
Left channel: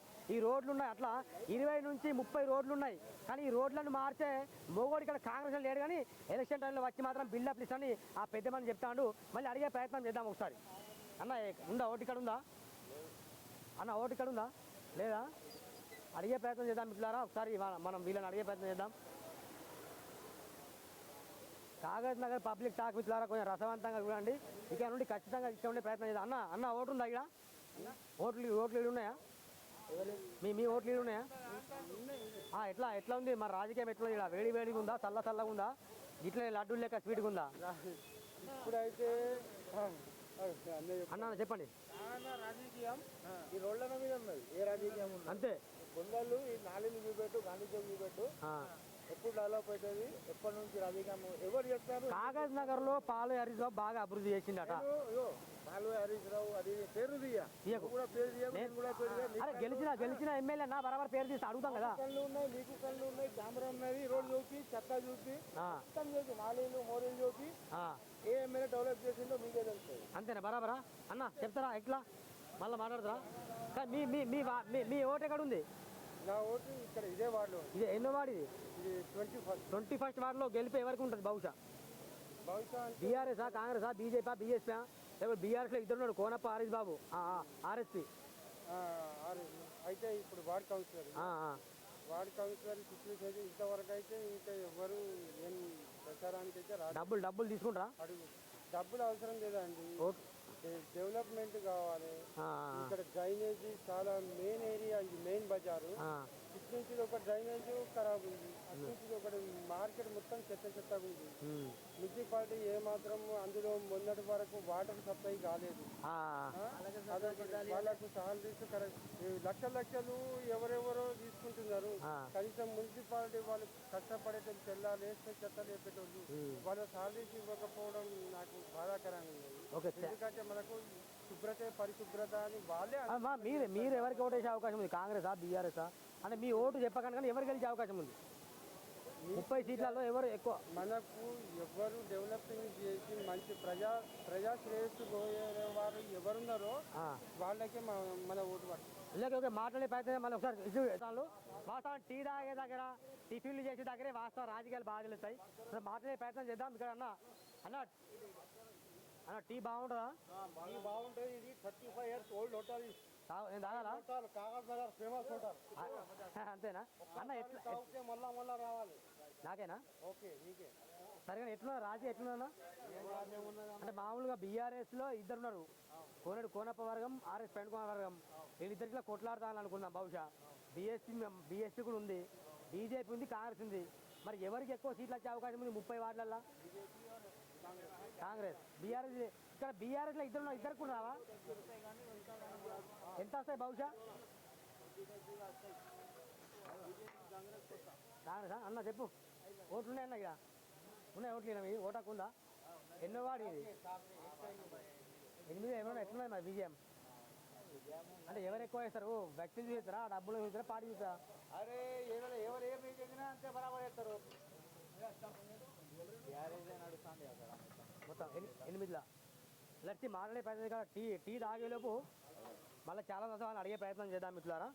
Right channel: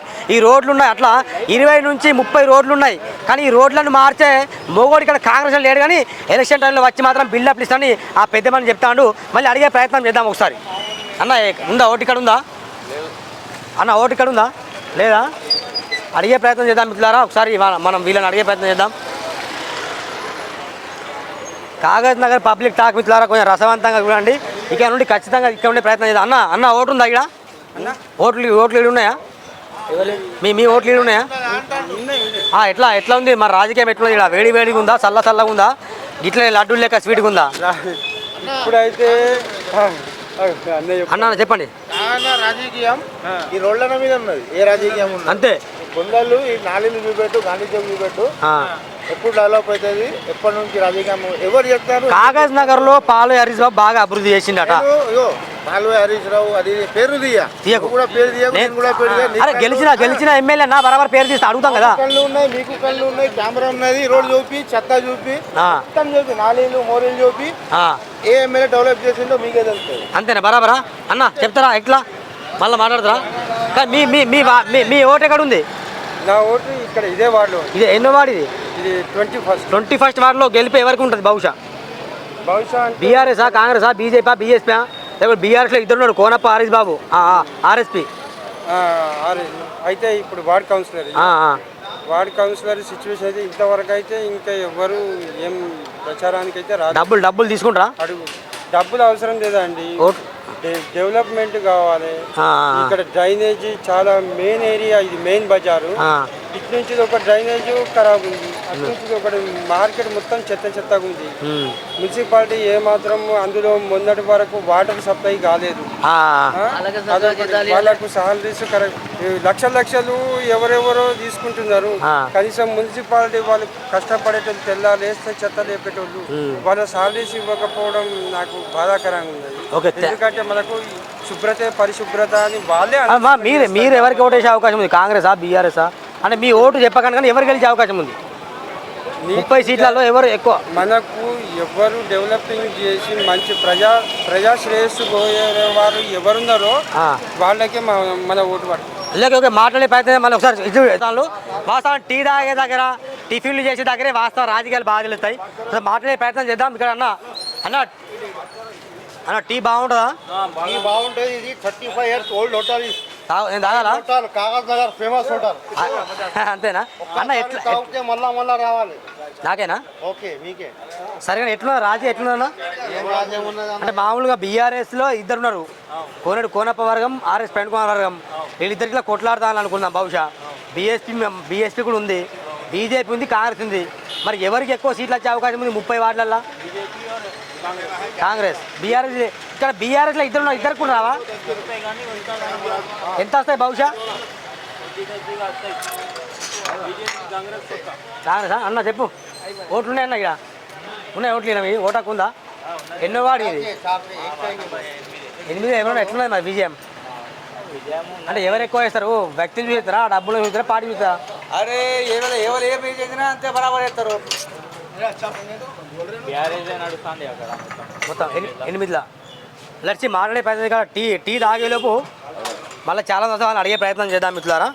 అట్లా 20 నుంచి 30 రోడ్లు ఉన్నాయి. కానీ ఈ రోడ్లను మార్చే మోగోడు ఇక్కడ కాంగ్రెస్ లేడు. కానీ ఎలక్షన్ టైంలో వచ్చి మాత్రం బిల్డప్ ఇస్తానని ఆ పెద్ద మని చెప్తాడు. మళ్ళీ అడిగే ప్రయత్నం చేద్దాం ఒకసారి. అన్న ఉందా ఓటు ఇక్కడ ఉందా? అన్న ఓటు ఇక్కడ ఉందా లేదా? అడిగే ప్రయత్నం చేద్దాం మిత్రులారా. ఒకసారి మనం వీళ్ళని అడిగే ప్రయత్నం చేద్దాం. కాగజ్ నగర్ పబ్లిక్ టాక్ మిత్రులారా కొంచెం రసవంతంగా చూడండి. ఇక్కడ నుండి ఖచ్చితంగా ఇక్కడ ఉండే ప్రయత్నం చేద్దాం. అన్న ఓటు ఉందా ఇక్కడ? ఓట్లు ఉన్నాయా? మీ ఓట్లు ఉన్నాయా? ఎట్లా ఉంది మరి రాజకీయం? ఎట్లా ఇక్కడ వేడిగా ఉందా, చల్లగా ఉందా, ఇట్లా లడ్డూలు లెక్క స్వీట్గా ఉందా? ఇప్పుడైతే అన్న చెప్పండి. రాజకీయం ఈ రోడ్ల మీద ఉన్నది. ఏ రాజకీయం ఉన్నది అంతే. కొందళ్ళు ఈ నాలుగు చూపెట్టు, గాంధీ చౌక్ చూపెట్టు, ఎప్పుడు డెవలప్ అవుతుంది, ఎప్పటి నుంచి రాజకీయం ఎవరు చెప్తారు? కాగజ్ నగర్ లో పాలు హరీష్ బాబు బాగా అభివృద్ధి చేసిండట. పాలు హరీష్ రావు అది పేరు కూడా పేరు అరే గెలిచిన ఎమ్మెల్యే నా బరాబర్ పేరు తీస్తే అడుగుతాం కదా. కళ్ళు ఉన్నాయి, మీకు కళ్ళు ఉన్నాయి, కెమెరా ఉన్నది, రోడ్ చూపి, చెత్త చూపి, మొత్తం చూపి, నాలీలు మోరీలు చూపి ఏ ఎమ్మెల్యే డెవలప్ చేసిందో మీకే తెలుస్తుంది. అంతేనా? బరాబరా అన్న చెప్తారా? ఎట్లా మళ్ళీ మాట్లాడతారా? కానీ మీ ఓటు ఎక్కడ ఉంది? నా ఓటు ఇక్కడ ఇదే వార్డులో. ఇది ఎన్నో వార్డు? ఇది 21st వార్డులో గెలిపి ఎవరికి ఉంటుంది బహుశా? బీఆర్ఎస్ఆ, కాంగ్రెసా, బీజేపీ, బీఎస్పీ? లేకపోతే బీఆర్ఎస్లో ఇద్దరు ఉన్నాడు, కోనప్ప హరీష్ బాబు, ఆర్ఎస్పీ. అయితే ఇప్పుడు వార్డ్ కౌన్సిలర్ సిచ్యువేషన్ అయితే ఇంతవరకు అయితే ఇంకా ఎవరు ఏం ప్రచారానికి అయితే రాదు. డబ్బులు తీసుకుంటారా? డబ్బులు అవసరం లేదండి, డెవలప్మెంట్ కావాలి. ఇక్కడ డ్రైనేజీ చాలా మెయిన్ ఏరియా, ఇది మెయిన్ బజారు. ఇటు నుంచి ఒక డ్రైనేజ్ ఖరాబ్ ఉంది, అటు నుంచి ఒకటి మార్కెట్ మొత్తం చెత్తగా ఉంది. మున్సిపాలిటీ ఏమాత్రం అందులో మొన్నటి వరకు వాటర్ సప్లై కాలేదు. వాళ్ళకు సాలరీస్ లక్షలు ఎవరెవరో తీసుకుంటున్నారు. కనీసం మున్సిపాలిటీ వాళ్ళు కష్టపడేటోళ్ళు, తెల్లాలేస్తే చెత్త లేపేటోళ్ళు, వాళ్ళ సాలరీస్ ఇవ్వకపోవడం నాకు బాధాకరంగా ఉంది. ఎందుకంటే మనకు శుభ్రత, పరిశుభ్రత అని వాళ్ళే. మీరు ఎవరికి ఓటేసే అవకాశం ఉంది? కాంగ్రెసా, బీఆర్ఎస్ఆ? అంటే మీ ఓటు చెప్పకండి, కానీ ఎవరు గెలిచే అవకాశం ఉంది? 30 సీట్లలో ఎవరు ఎక్కువ? మనకు ఎవరు డెవలపింగ్ చేసి మంచి ప్రజా శ్రేయస్సు వారు ఎవరున్నారో వాళ్ళకే మన ఓటు పడుతుంది. ఓకే, మాట్లాడే ప్రయత్నం మళ్ళీ ఒకసారి వాస్తవం టీ తాగే దగ్గర, టిఫిన్లు చేసే దగ్గరే వాస్తవం రాజకీయాలు బాగా తెలుస్తాయి. మాట్లాడే ప్రయత్నం చేద్దాం. ఇక్కడ అన్న టీ బాగుంటుందా? బాగుంటుంది. ఇది 35 years old హోటల్. నేను తాగాలా? Kagaz Nagar famous hotel. అంతేనా అన్న? ఎట్లా మళ్ళా రావాలి? నాకేనా? ఓకే, మీకే. సరే ఎట్లున్నా రాజీ ఎట్లున్నా? అంటే మామూలుగా బీఆర్ఎస్లో ఇద్దరు ఉన్నారు, కోనప్ప వర్గం, ఆర్ఎస్ పెండుకోన వర్గం. వీళ్ళిద్దరికిలా కొట్లాడతాను అనుకున్నాం. బహుశా బీఎస్పీ కూడా ఉంది, బీజేపీ ఉంది, కాంగ్రెస్ ఉంది. మరి ఎవరికి ఎక్కువ సీట్లు వచ్చే అవకాశం ఉంది 30 వార్డులల్లో? కాంగ్రెస్, బీఆర్ఎస్. ఇక్కడ బీఆర్ఎస్లో ఇద్దరు కూడా రావా? ఎంత వస్తాయి బహుశా? కాంగ్రెస్ అన్న చెప్పు. ఓట్లు ఉన్నాయన్న? ఇక్కడ ఉన్నాయి ఓట్లు. ఓటాకు ఉందా? ఎన్నో వాడు ఇది? 8 ఎవరన్నా ఎట్లున్నది మరి విజయం? అంటే ఎవరు ఎక్కువ వేస్తారు? వ్యక్తిని చూస్తారా, డబ్బులు చూస్తారా, పార్టీ చూస్తారా? అరే ఎవరు ఏ పేరు చేసినా అంతే బరాబర్ చేస్తారు. మొత్తం 8లా లడ్చి మాట్లాడే ప్రయత్నం కదా. టీ తాగేలోపు మళ్ళీ చాలా వాళ్ళని అడిగే ప్రయత్నం చేద్దాం మిత్రులారా.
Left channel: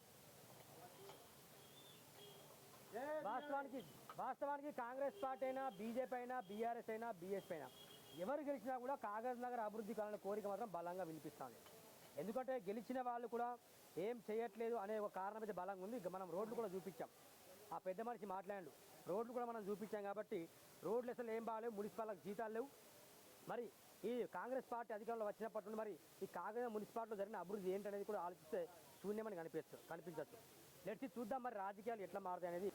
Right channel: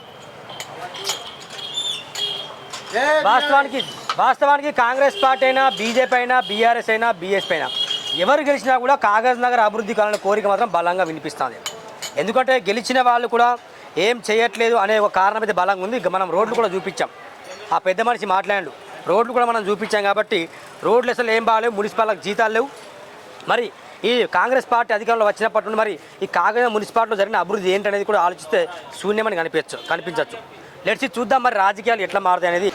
వాస్తవానికి కాంగ్రెస్ పార్టీ అయినా, బీజేపీ అయినా, బీఆర్ఎస్ అయినా, బీఎస్పీ అయినా ఎవరు గెలిచినా కూడా కాగజ్ నగర్ అభివృద్ధి కావాలనే కోరిక మాత్రం బలంగా వినిపిస్తుంది. ఎందుకంటే గెలిచిన వాళ్ళు కూడా ఏం చేయట్లేదు అనే ఒక కారణం అయితే బలంగా ఉంది. మనం రోడ్లు కూడా చూపించాం. ఆ పెద్ద మనిషి మాట్లాడాడు, రోడ్లు కూడా మనం చూపించాం కాబట్టి రోడ్లు అసలు ఏం బాగాలేవు, మున్సిపాలిటీలకు జీతాలు లేవు. మరి ఈ కాంగ్రెస్ పార్టీ అధికారంలో వచ్చినప్పటి నుండి మరి ఈ కాకినాడ మున్సిపాలిటీలో జరిగిన అభివృద్ధి ఏంటనేది కూడా ఆలోచిస్తే శూన్యమని కనిపించవచ్చు. లెట్స్ చూద్దాం మరి రాజకీయాలు ఎట్లా మారుతాయి అనేది.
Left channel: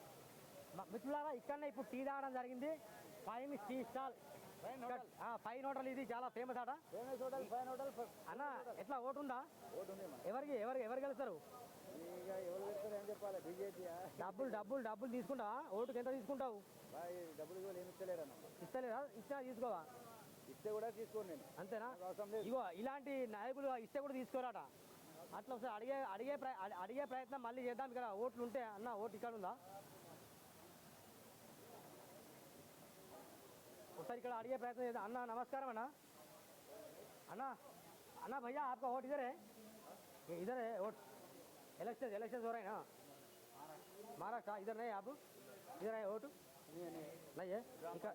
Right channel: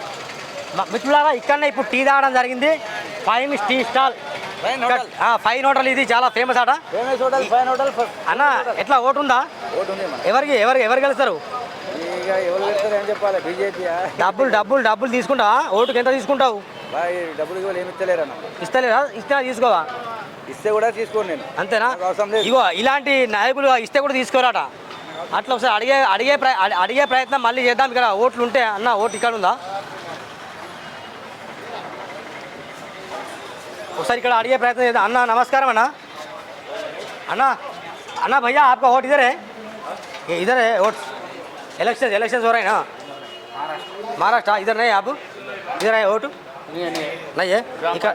మిత్రులారా, ఇక్కడనే ఇప్పుడు టీ తాగడం జరిగింది. Fine tea stall, fine hotel, ఇది చాలా ఫేమస్ ఆట. అన్న ఎట్లా ఓటు ఉందా? ఎవరు గెలుస్తారు? డబ్బులు తీసుకుంటా? ఓటుకి ఎంత తీసుకుంటావు? ఇస్తలేరా? ఇస్తే తీసుకోవా? ఇస్తే కూడా తీసుకోండి నేను. అంతేనా? ఇగో ఇలాంటి నాయకులు ఇస్తే కూడా తీసుకోరాట. అట్లా ఒకసారి అడిగే ప్రయత్నం మళ్ళీ చేద్దాం. ఇక్కడ ఓట్లు ఉంటే అన్న ఓటు ఇక్కడ ఉందా? ఒకసారి ఇక్కడ అడిగే ప్రయత్నం చేద్దాం. అన్న నమస్కారం అన్న. అన్న भैया आपका वोट इधर है? इधर है वोट? इलेक्शन हो रहे हैं ना? महाराष्ट्र इधर नहीं आप? इधर है वोट नहीं है? ఇక్కడ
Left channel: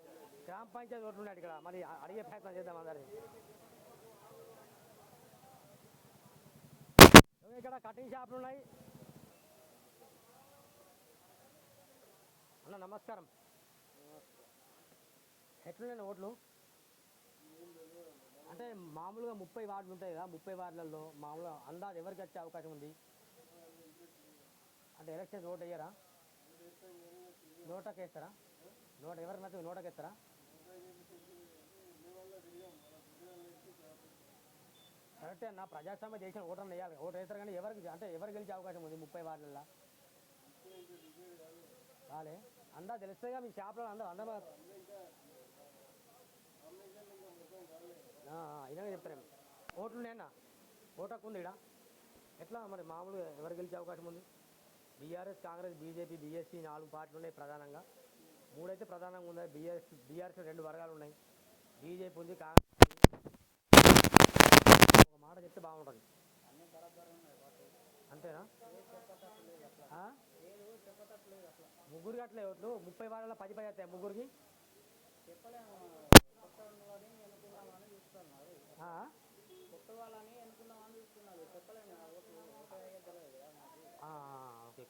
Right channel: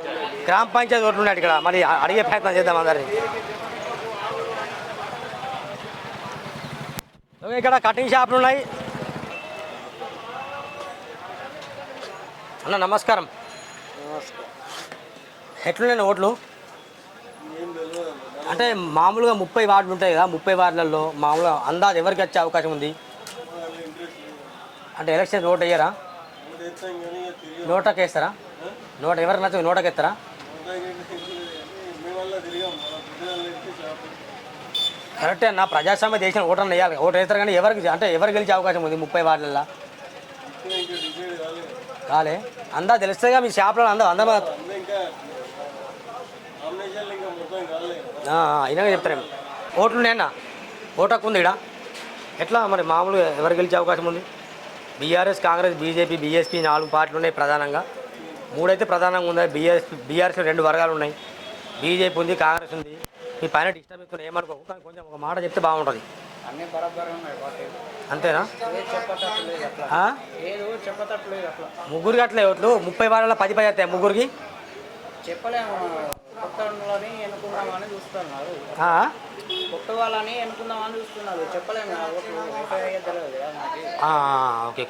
గ్రామ పంచాయతీ ఓట్లు ఉన్నాయి. ఇక్కడ మరి అడిగే ప్రయత్నం చేద్దాం అందరినీ. ఇక్కడ కటింగ్ షాపులు ఉన్నాయి. అన్న నమస్కారం. ఎట్లున్నాయి ఓట్లు? అంటే మామూలుగా 30 వార్డులు ఉంటాయి కదా, 30 వార్డులలో మామూలుగా అందాజు ఎవరికి వచ్చే అవకాశం ఉంది? అంటే ఎలక్షన్ ఓటు వేయరా? నోటకి వేస్తారా? ఎవరికి నచ్చదు నోటకి వేస్తారా? కరెక్టే అన్న, ప్రజాస్వామ్య దేశం ఓటు వేయాలి. ఓటు వేస్తారు కానీ ఎవరు గెలిచే అవకాశం ఉంది 30 వార్డులలో? కాలే అందా తెలుస్తుందిగా మీ షాప్లో అందమా అయినా చెప్తారేమో. ఓట్లు ఉన్నాయన్న, ఓటకు ఉంది ఇక్కడ. ఎట్లా మరి మామూలుగా ఎవరు గెలిచే అవకాశం ఉంది? బీఆర్ఎస్, కాంగ్రెస్, బీజేపీ, బీఎస్పీ 4 పార్టీలు ఉన్నాయి ప్రధానంగా. 3 అయితే ప్రధానంగా ఉన్నాయి. బీఆర్ఎస్లో 2 వర్గాలు ఉన్నాయి. బీజేపీ ఉంది, కాంగ్రెస్ ఉంది. మీ పైన ఏమంటారు? ఒక మాట చెప్తే బాగుంటుంది. అంతేనా? ముగ్గురికి అట్లే ఓట్లు 30 వారాల 10 అవుతాయి ముగ్గురికి. చెప్పలేము. కొత్త వాళ్ళని ఎన్నుకుందామని చూస్తున్నారు. కొత్త వాళ్ళని ఎన్నుకుందామని చూస్తున్నారు. చెప్పలేము. ఓకే.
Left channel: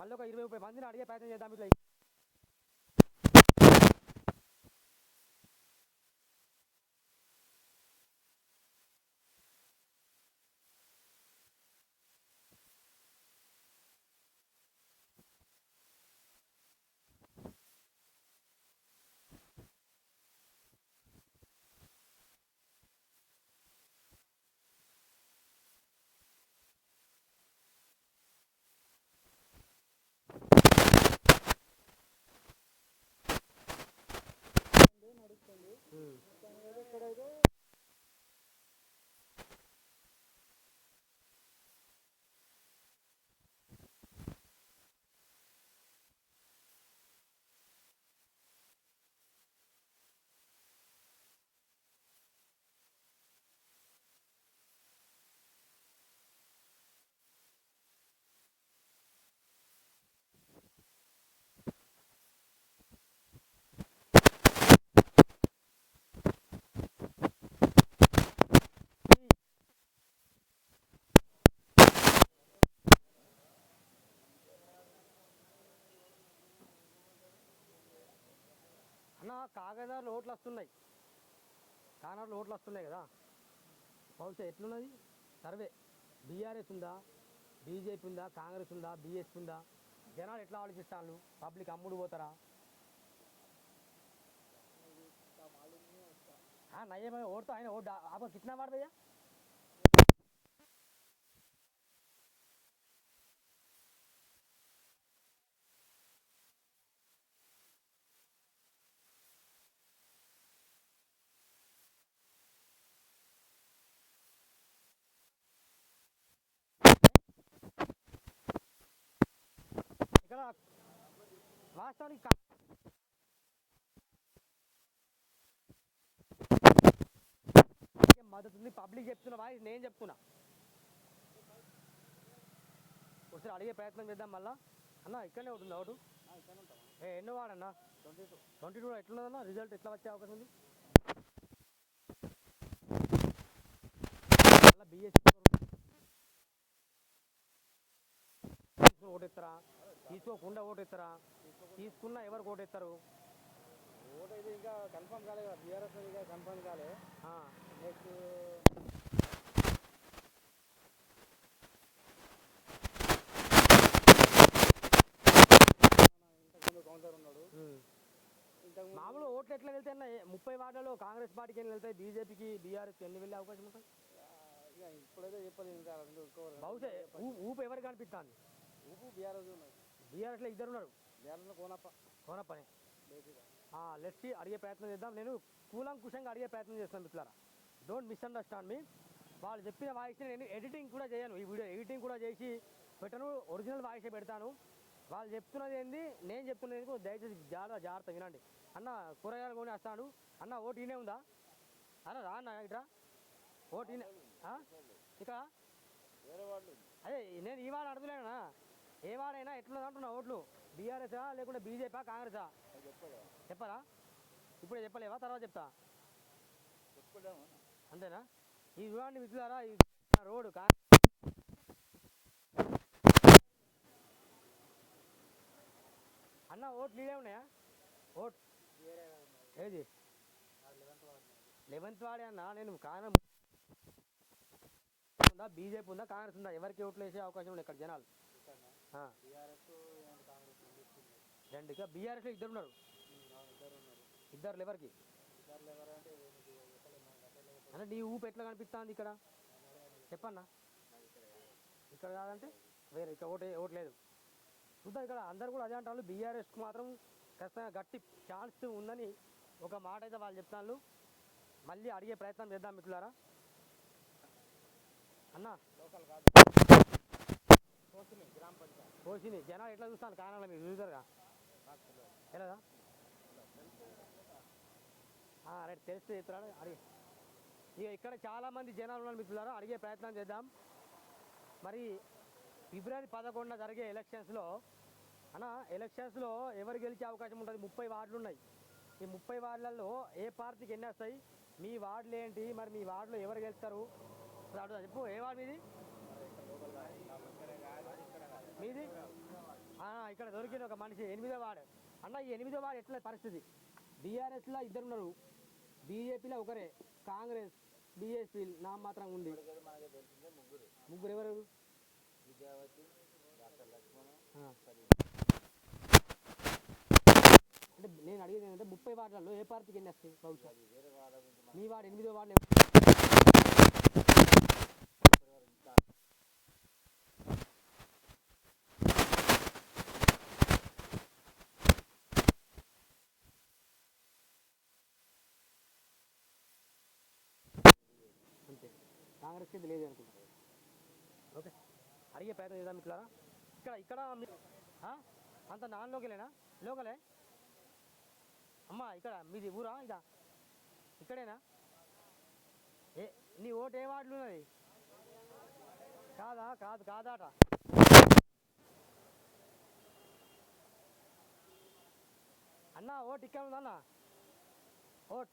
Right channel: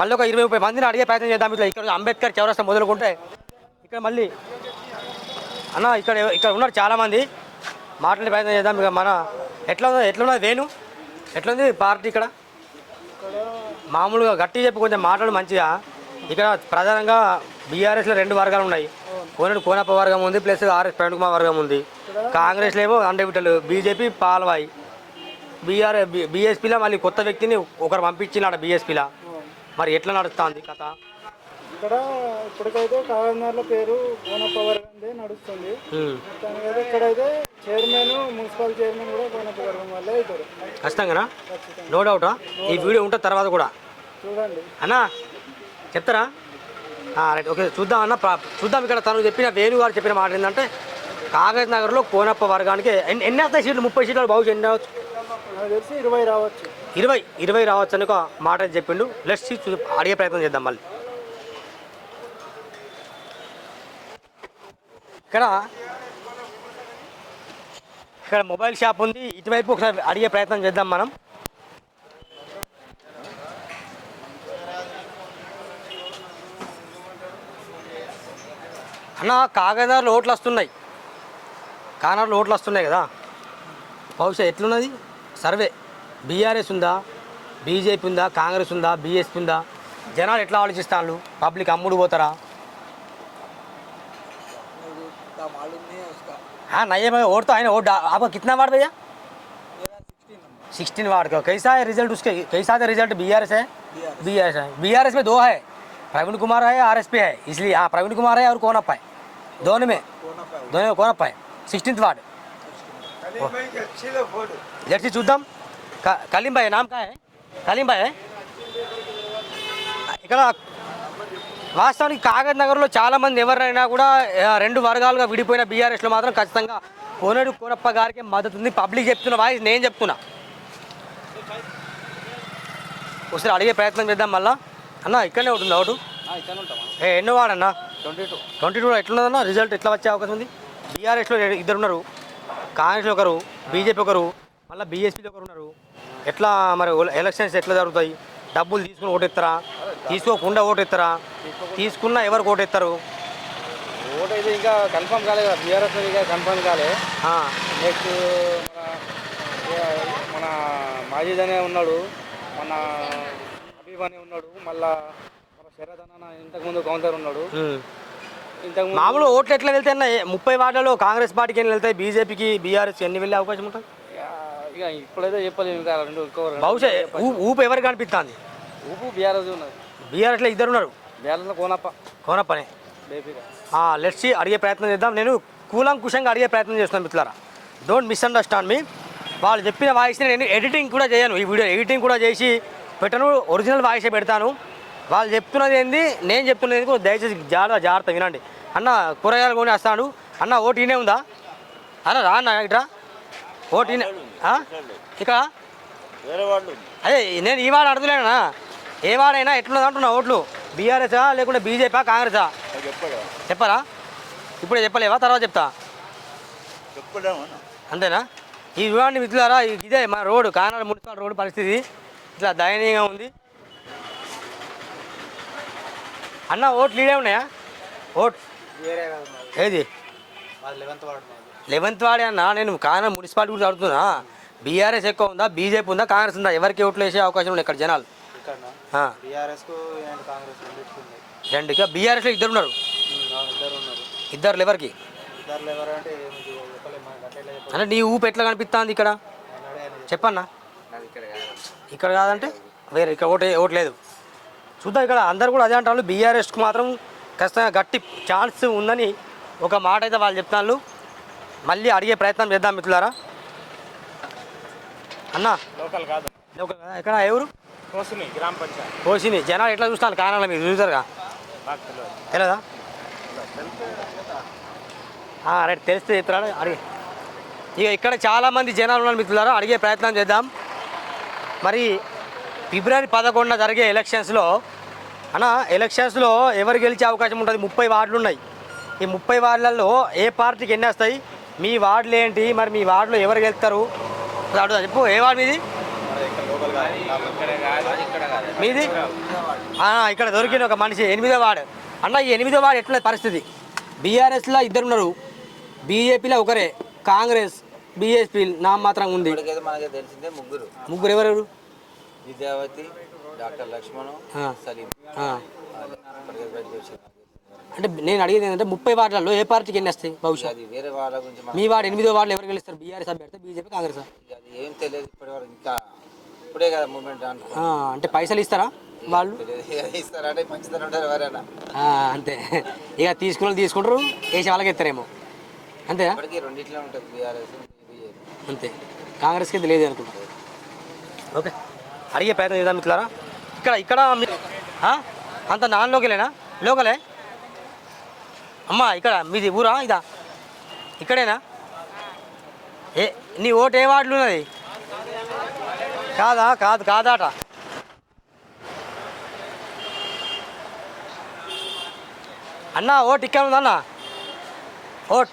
మళ్ళీ ఒక 20-30 మందిని అడిగే ప్రయత్నం చేద్దాం. ఇట్లా ఇక్కడ అంబేద్కర్ చౌరస్తా మొదలుకుంటే ఇక్కడ మళ్ళీ అన్న ఇక్కడ ఉన్నారు చాలామంది, మాట్లాడే ప్రయత్నం చేద్దాం. ఇక మన ఎట్లున్నది వేణు? ఎట్లుంది పార్టీ ఇక్కడ? మామూలుగా గట్టి చెప్పి కొంచెం మాట్లాడు మంచిగా. ఇక్కడ ప్రధానంగా బీఆర్ఎస్లో 2 వర్గాలు ఉన్నాయి. కోనప్ప వర్గం ఉంది, ప్లస్ ఆర్ఎస్ ప్రవీణ్ కుమార్ వర్గం ఉంది. కాంగ్రెస్లో ఏమో అండవిటలు, బీజేపీ పాల్వాయి, బీఎస్పీలో మళ్ళీ కొత్త వ్యక్తిని ఒకరు పంపించినాడు బీఎస్పీలో. మరి ఎట్లా నడుస్తుంది ఇక్కడ? ఇప్పటికైతే కాకినాడలో పేరు కోనప్ప వర్గందే నడుస్తుంది. ఇక్కడైతే చైర్మన్, మున్సిపల్ చైర్మన్ కూడా కోనప్ప వర్గం వల్లే అవుతారు ఖచ్చితంగా. నో డౌటా? ఈ వీడియో ఉంటుంది తర్వాత కూడా చూడండి అన్న, చెప్తారా? రైట్, ఓకే చూద్దాం అన్న. చూద్దాం. ఇక్కడ తను చెప్పిన వేణు గారు చెప్పిన మాట ఏంటంటే కాగజ్ నగర్లో కోనప్ప వర్గానికి ఎన్ని వస్తాయి సీట్లు? 30 సీట్లు బాగుంది. ఎన్ని రావచ్చు? నాకు తెలిసి 20 రావచ్చు. 20 రావచ్చు అని ఒక మాట చెప్పిండు. లెట్స్ అడిగే ప్రయత్నం చేద్దాం మళ్ళీ. ఇక్కడ మొబైల్ షాప్ ఉంది. ఇటువైపు ఒకసారి అడిగే ప్రయత్నం చేద్దాం మనం. అన్న కాకినాడలో ఓట్లు వస్తున్నాయి. కాకినాడలో ఓట్లు వస్తున్నాయి కదా, బహుశా ఎట్లున్నది సర్వే? బీఆర్ఎస్ ఉందా, బీజేపీ ఉందా, కాంగ్రెస్ ఉందా, బీఎస్పీ ఉందా? జనాలు ఎట్లా ఆలోచిస్తారు? పబ్లిక్ అమ్ముడు పోతారా? हाँ नहीं है वोट तो है ना। वोट आपका कितना वार्ड भैया? 16 वार्ड का। कैसा है रिजल्ट उसके? कैसा है रिजल्ट? बीआरएस है? बीआरएस है। बीआरएस में 2 है, प्रवीण कुमार है, आरएसपी है, इसलिए हाँ प्रवीण कुमार है और कोनप्पा है। दोनों में कोनप्पा है। 16th ward. जैसे చూద్దాం. కలీం భాయ్ నామ్ है? కలీం భాయ్ ఇక్కడ వాస్తవానికి కాగజ్ నగర్లో చాలామంది ఎవరైనా కూడా 2 వర్గాలుగా విడిపోయిన బీఆర్ఎస్లో మాత్రం ఖచ్చితంగా కోనప్ప గారికి మద్దతు ఉంది. పబ్లిక్ చెప్తున్న వాయిస్ నేను చెప్తున్నా. ఒకసారి అడిగే ప్రయత్నం చేద్దాం మళ్ళా. అన్న ఇక్కడనే ఉంటుంది ఓటు? ఎన్నో వాడన్నా? 22 ఎట్లున్నదన్న రిజల్ట్? ఎట్లా వచ్చే అవకాశం ఉంది? బీఆర్ఎస్లో 2 ఉన్నారు, కాంగ్రెస్లో 1, బీజేపీ 1, మళ్ళీ బీఎస్పీలో 1 ఉన్నారు. ఎట్లా మరి ఎలక్షన్స్ ఎట్లా జరుగుతాయి? డబ్బులు తీసుకుని ఓటెత్తారా? తీసుకోకుండా ఓటు ఇస్తారా? తీసుకున్నా ఎవరికి ఓటు ఇస్తారు? ఓటు అయితే ఇంకా కన్ఫర్మ్ కాలేదు కదా, బీఆర్ఎస్ ఇంకా కన్ఫర్మ్ కాలే. నెక్స్ట్ మన మాజీద్ అనే ఉన్నాడు, మన మళ్ళా ఇంతకుముందు కౌంటర్ ఉన్నాడు. ఇంతకుముందు మామూలు ఓట్లు ఎట్లా వెళ్తాయి? 30 వార్డులలో కాంగ్రెస్ పార్టీకి ఎన్ని వెళ్తాయి, బీజేపీకి బీఆర్ఎస్ ఎన్ని వెళ్ళే అవకాశం ఉంటుంది? ఇక ఇప్పుడైతే చెప్పలేము, ఇంకా రెండు బహుశా ఊపు ఎవరికి కనిపిస్తుంది? ఊపు బీఆర్ఎస్ ఉన్నది. బీఆర్ఎస్లో ఇద్దరు ఉన్నారు, బీఆర్ఎస్లో కోనప్పనే. బేబీగా లెట్స్ అడిగే ప్రయత్నం చేద్దాం. నేను కూలంకుషంగా అడిగే ప్రయత్నం చేస్తున్నాను మిత్రులారా, డోంట్ మిస్అండర్స్టాండ్ మీ. వాళ్ళు చెప్పిన వాయిస్ని నేను ఎడిటింగ్ కూడా చేయను, ఈ వీడియో ఎడిటింగ్ కూడా చేసి పెట్టను, ఒరిజినల్ వాయిసే పెడతాను. వాళ్ళు చెప్తున్నది ఏంది, నేను చెప్తున్నది ఏంది, దయచేసి జాగ్రత్త వినండి. అన్న కూరగాయలు కొని వస్తాడు, అన్న ఓటు ఈయనే ఉందా అన్న? రా అన్న ఇట్రా, ఓటు ఈయన ఇక్కడ అదే నేను ఈ వాడు అడుగులేనా, ఏ వాడైనా ఎట్లున్నది అంటున్నా ఓట్లు, బీఆర్ఎసా లేకుంటే బీజేపీ కాంగ్రెసా? చెప్పరా? ఇప్పుడే చెప్పలేవా, తర్వాత చెప్తా అంతేనా? ఈ చూడండి మిత్రులారా, ఇదే మన రోడ్డు, కాకినాడ మున్సిపల్ రోడ్డు పరిస్థితి ఇట్లా దయనీయంగా ఉంది. అన్న ఓట్లు లీడే ఉన్నాయా? ఓట్ ఏది 11th వాడే అన్న. నేను కాకినాడ మున్సిపాలిటీ గురించి అడుగుతున్నా, బీఆర్ఎస్ ఎక్కువ ఉందా, బీజేపీ ఉందా, కాంగ్రెస్ ఉందా? ఎవరికి ఓట్లు వేసే అవకాశం ఉన్నాయి ఇక్కడ జనాలు? రెండుగా బీఆర్ఎస్లో ఇద్దరు ఉన్నారు. ఇద్దరు ఎవరికి అంటే నీ ఊపు ఎట్లా కనిపిస్తుంది ఇక్కడ చెప్పన్నా? ఇక్కడ కాదంటే వేరే ఇక్కడ ఓటు లేదు. చూద్దాం, ఇక్కడ అందరు కూడా అదే అంటారు, బీఆర్ఎస్కి మాత్రం ఖచ్చితంగా గట్టి ఛాన్స్ ఉందని ఒక మాట అయితే వాళ్ళు చెప్తాను. మళ్ళీ అడిగే ప్రయత్నం చేద్దాం మిత్రులారా. అన్న లోకల్ కాదు, ఎక్కడ ఎవరు? కోసిని గ్రామ పంచాయతీ. కోసిని జనాలు ఎట్లా చూస్తాను కారణాలు మీరు చూసారుగా, తెలియదా? రైట్, తెలిస్తే చెప్తారా అడిగి. ఇక ఇక్కడ చాలామంది జనాలు ఉన్నారు మిత్రులారా, అడిగే ప్రయత్నం చేద్దాం. మరి ఫిబ్రవరి 11న జరిగే ఎలక్షన్స్లో ఎలక్షన్స్లో ఎవరు గెలిచే అవకాశం ఉంటుంది? 30 వార్డులు ఉన్నాయి. ఈ 30 వార్డులలో ఏ పార్టీకి ఎన్ని వస్తాయి? మీ వార్డులు ఏంటి, మరి మీ వార్డులో ఎవరు గెలుస్తారు అడుగుతా. చెప్పు, ఏ వార్డు మీది? మీది ఇక్కడ దొరికిన ఒక మనిషి 8వ వార్డు. అన్న ఈ 8వ వార్డు ఎట్లా పరిస్థితి? బీఆర్ఎస్లో ఇద్దరు ఉన్నారు, బీజేపీలో ఒకరే, కాంగ్రెస్ బీఎస్పీ నా మాత్రం ఉంది. మనకి తెలిసిందే ముగ్గురు ఎవరెవరు? విద్యావతి, డాక్టర్ లక్ష్మణ్, సలీం. అంటే నేను అడిగేది ఏంటంటే 30 వార్డులలో ఏ పార్టీకి ఎన్ని వస్తాయి బహుశా? వేరే వాళ్ళ గురించి మీ వార్డు 8వ వార్డులో ఎవరు గెలుస్తారు? కాంగ్రెస్ ఏం తెలియదు ఇప్పటివరకు, ఇంకా ఇప్పుడే కదా మూమెంట్. అంటే పైసలు ఇస్తారా వాళ్ళు? ఇస్తారంటే ఖచ్చితంగా ఉంటారు ఎవరైనా. అంతే, ఇక తీసుకుంటారు, వేసే వాళ్ళకి ఇస్తారేమో, అంతేనా? రెండిట్లో ఉంటుంది బీఆర్ఎస్ అంతే, కాంగ్రెస్కి అయితే లేదు అనుకుంటారు. ఓకే, అడిగే ప్రయత్నం చేద్దాం మిత్రులారా. ఇక్కడ అంత నాన్ లోకలేనా? లోకలే అమ్మా. ఇక్కడ మీది ఊరా ఇదా? ఇక్కడేనా? నీ ఓటు ఏ వార్డులు ఉన్నది? కాదాట. అన్న ఓటు ఇక్కడ ఉందన్న, ఓట్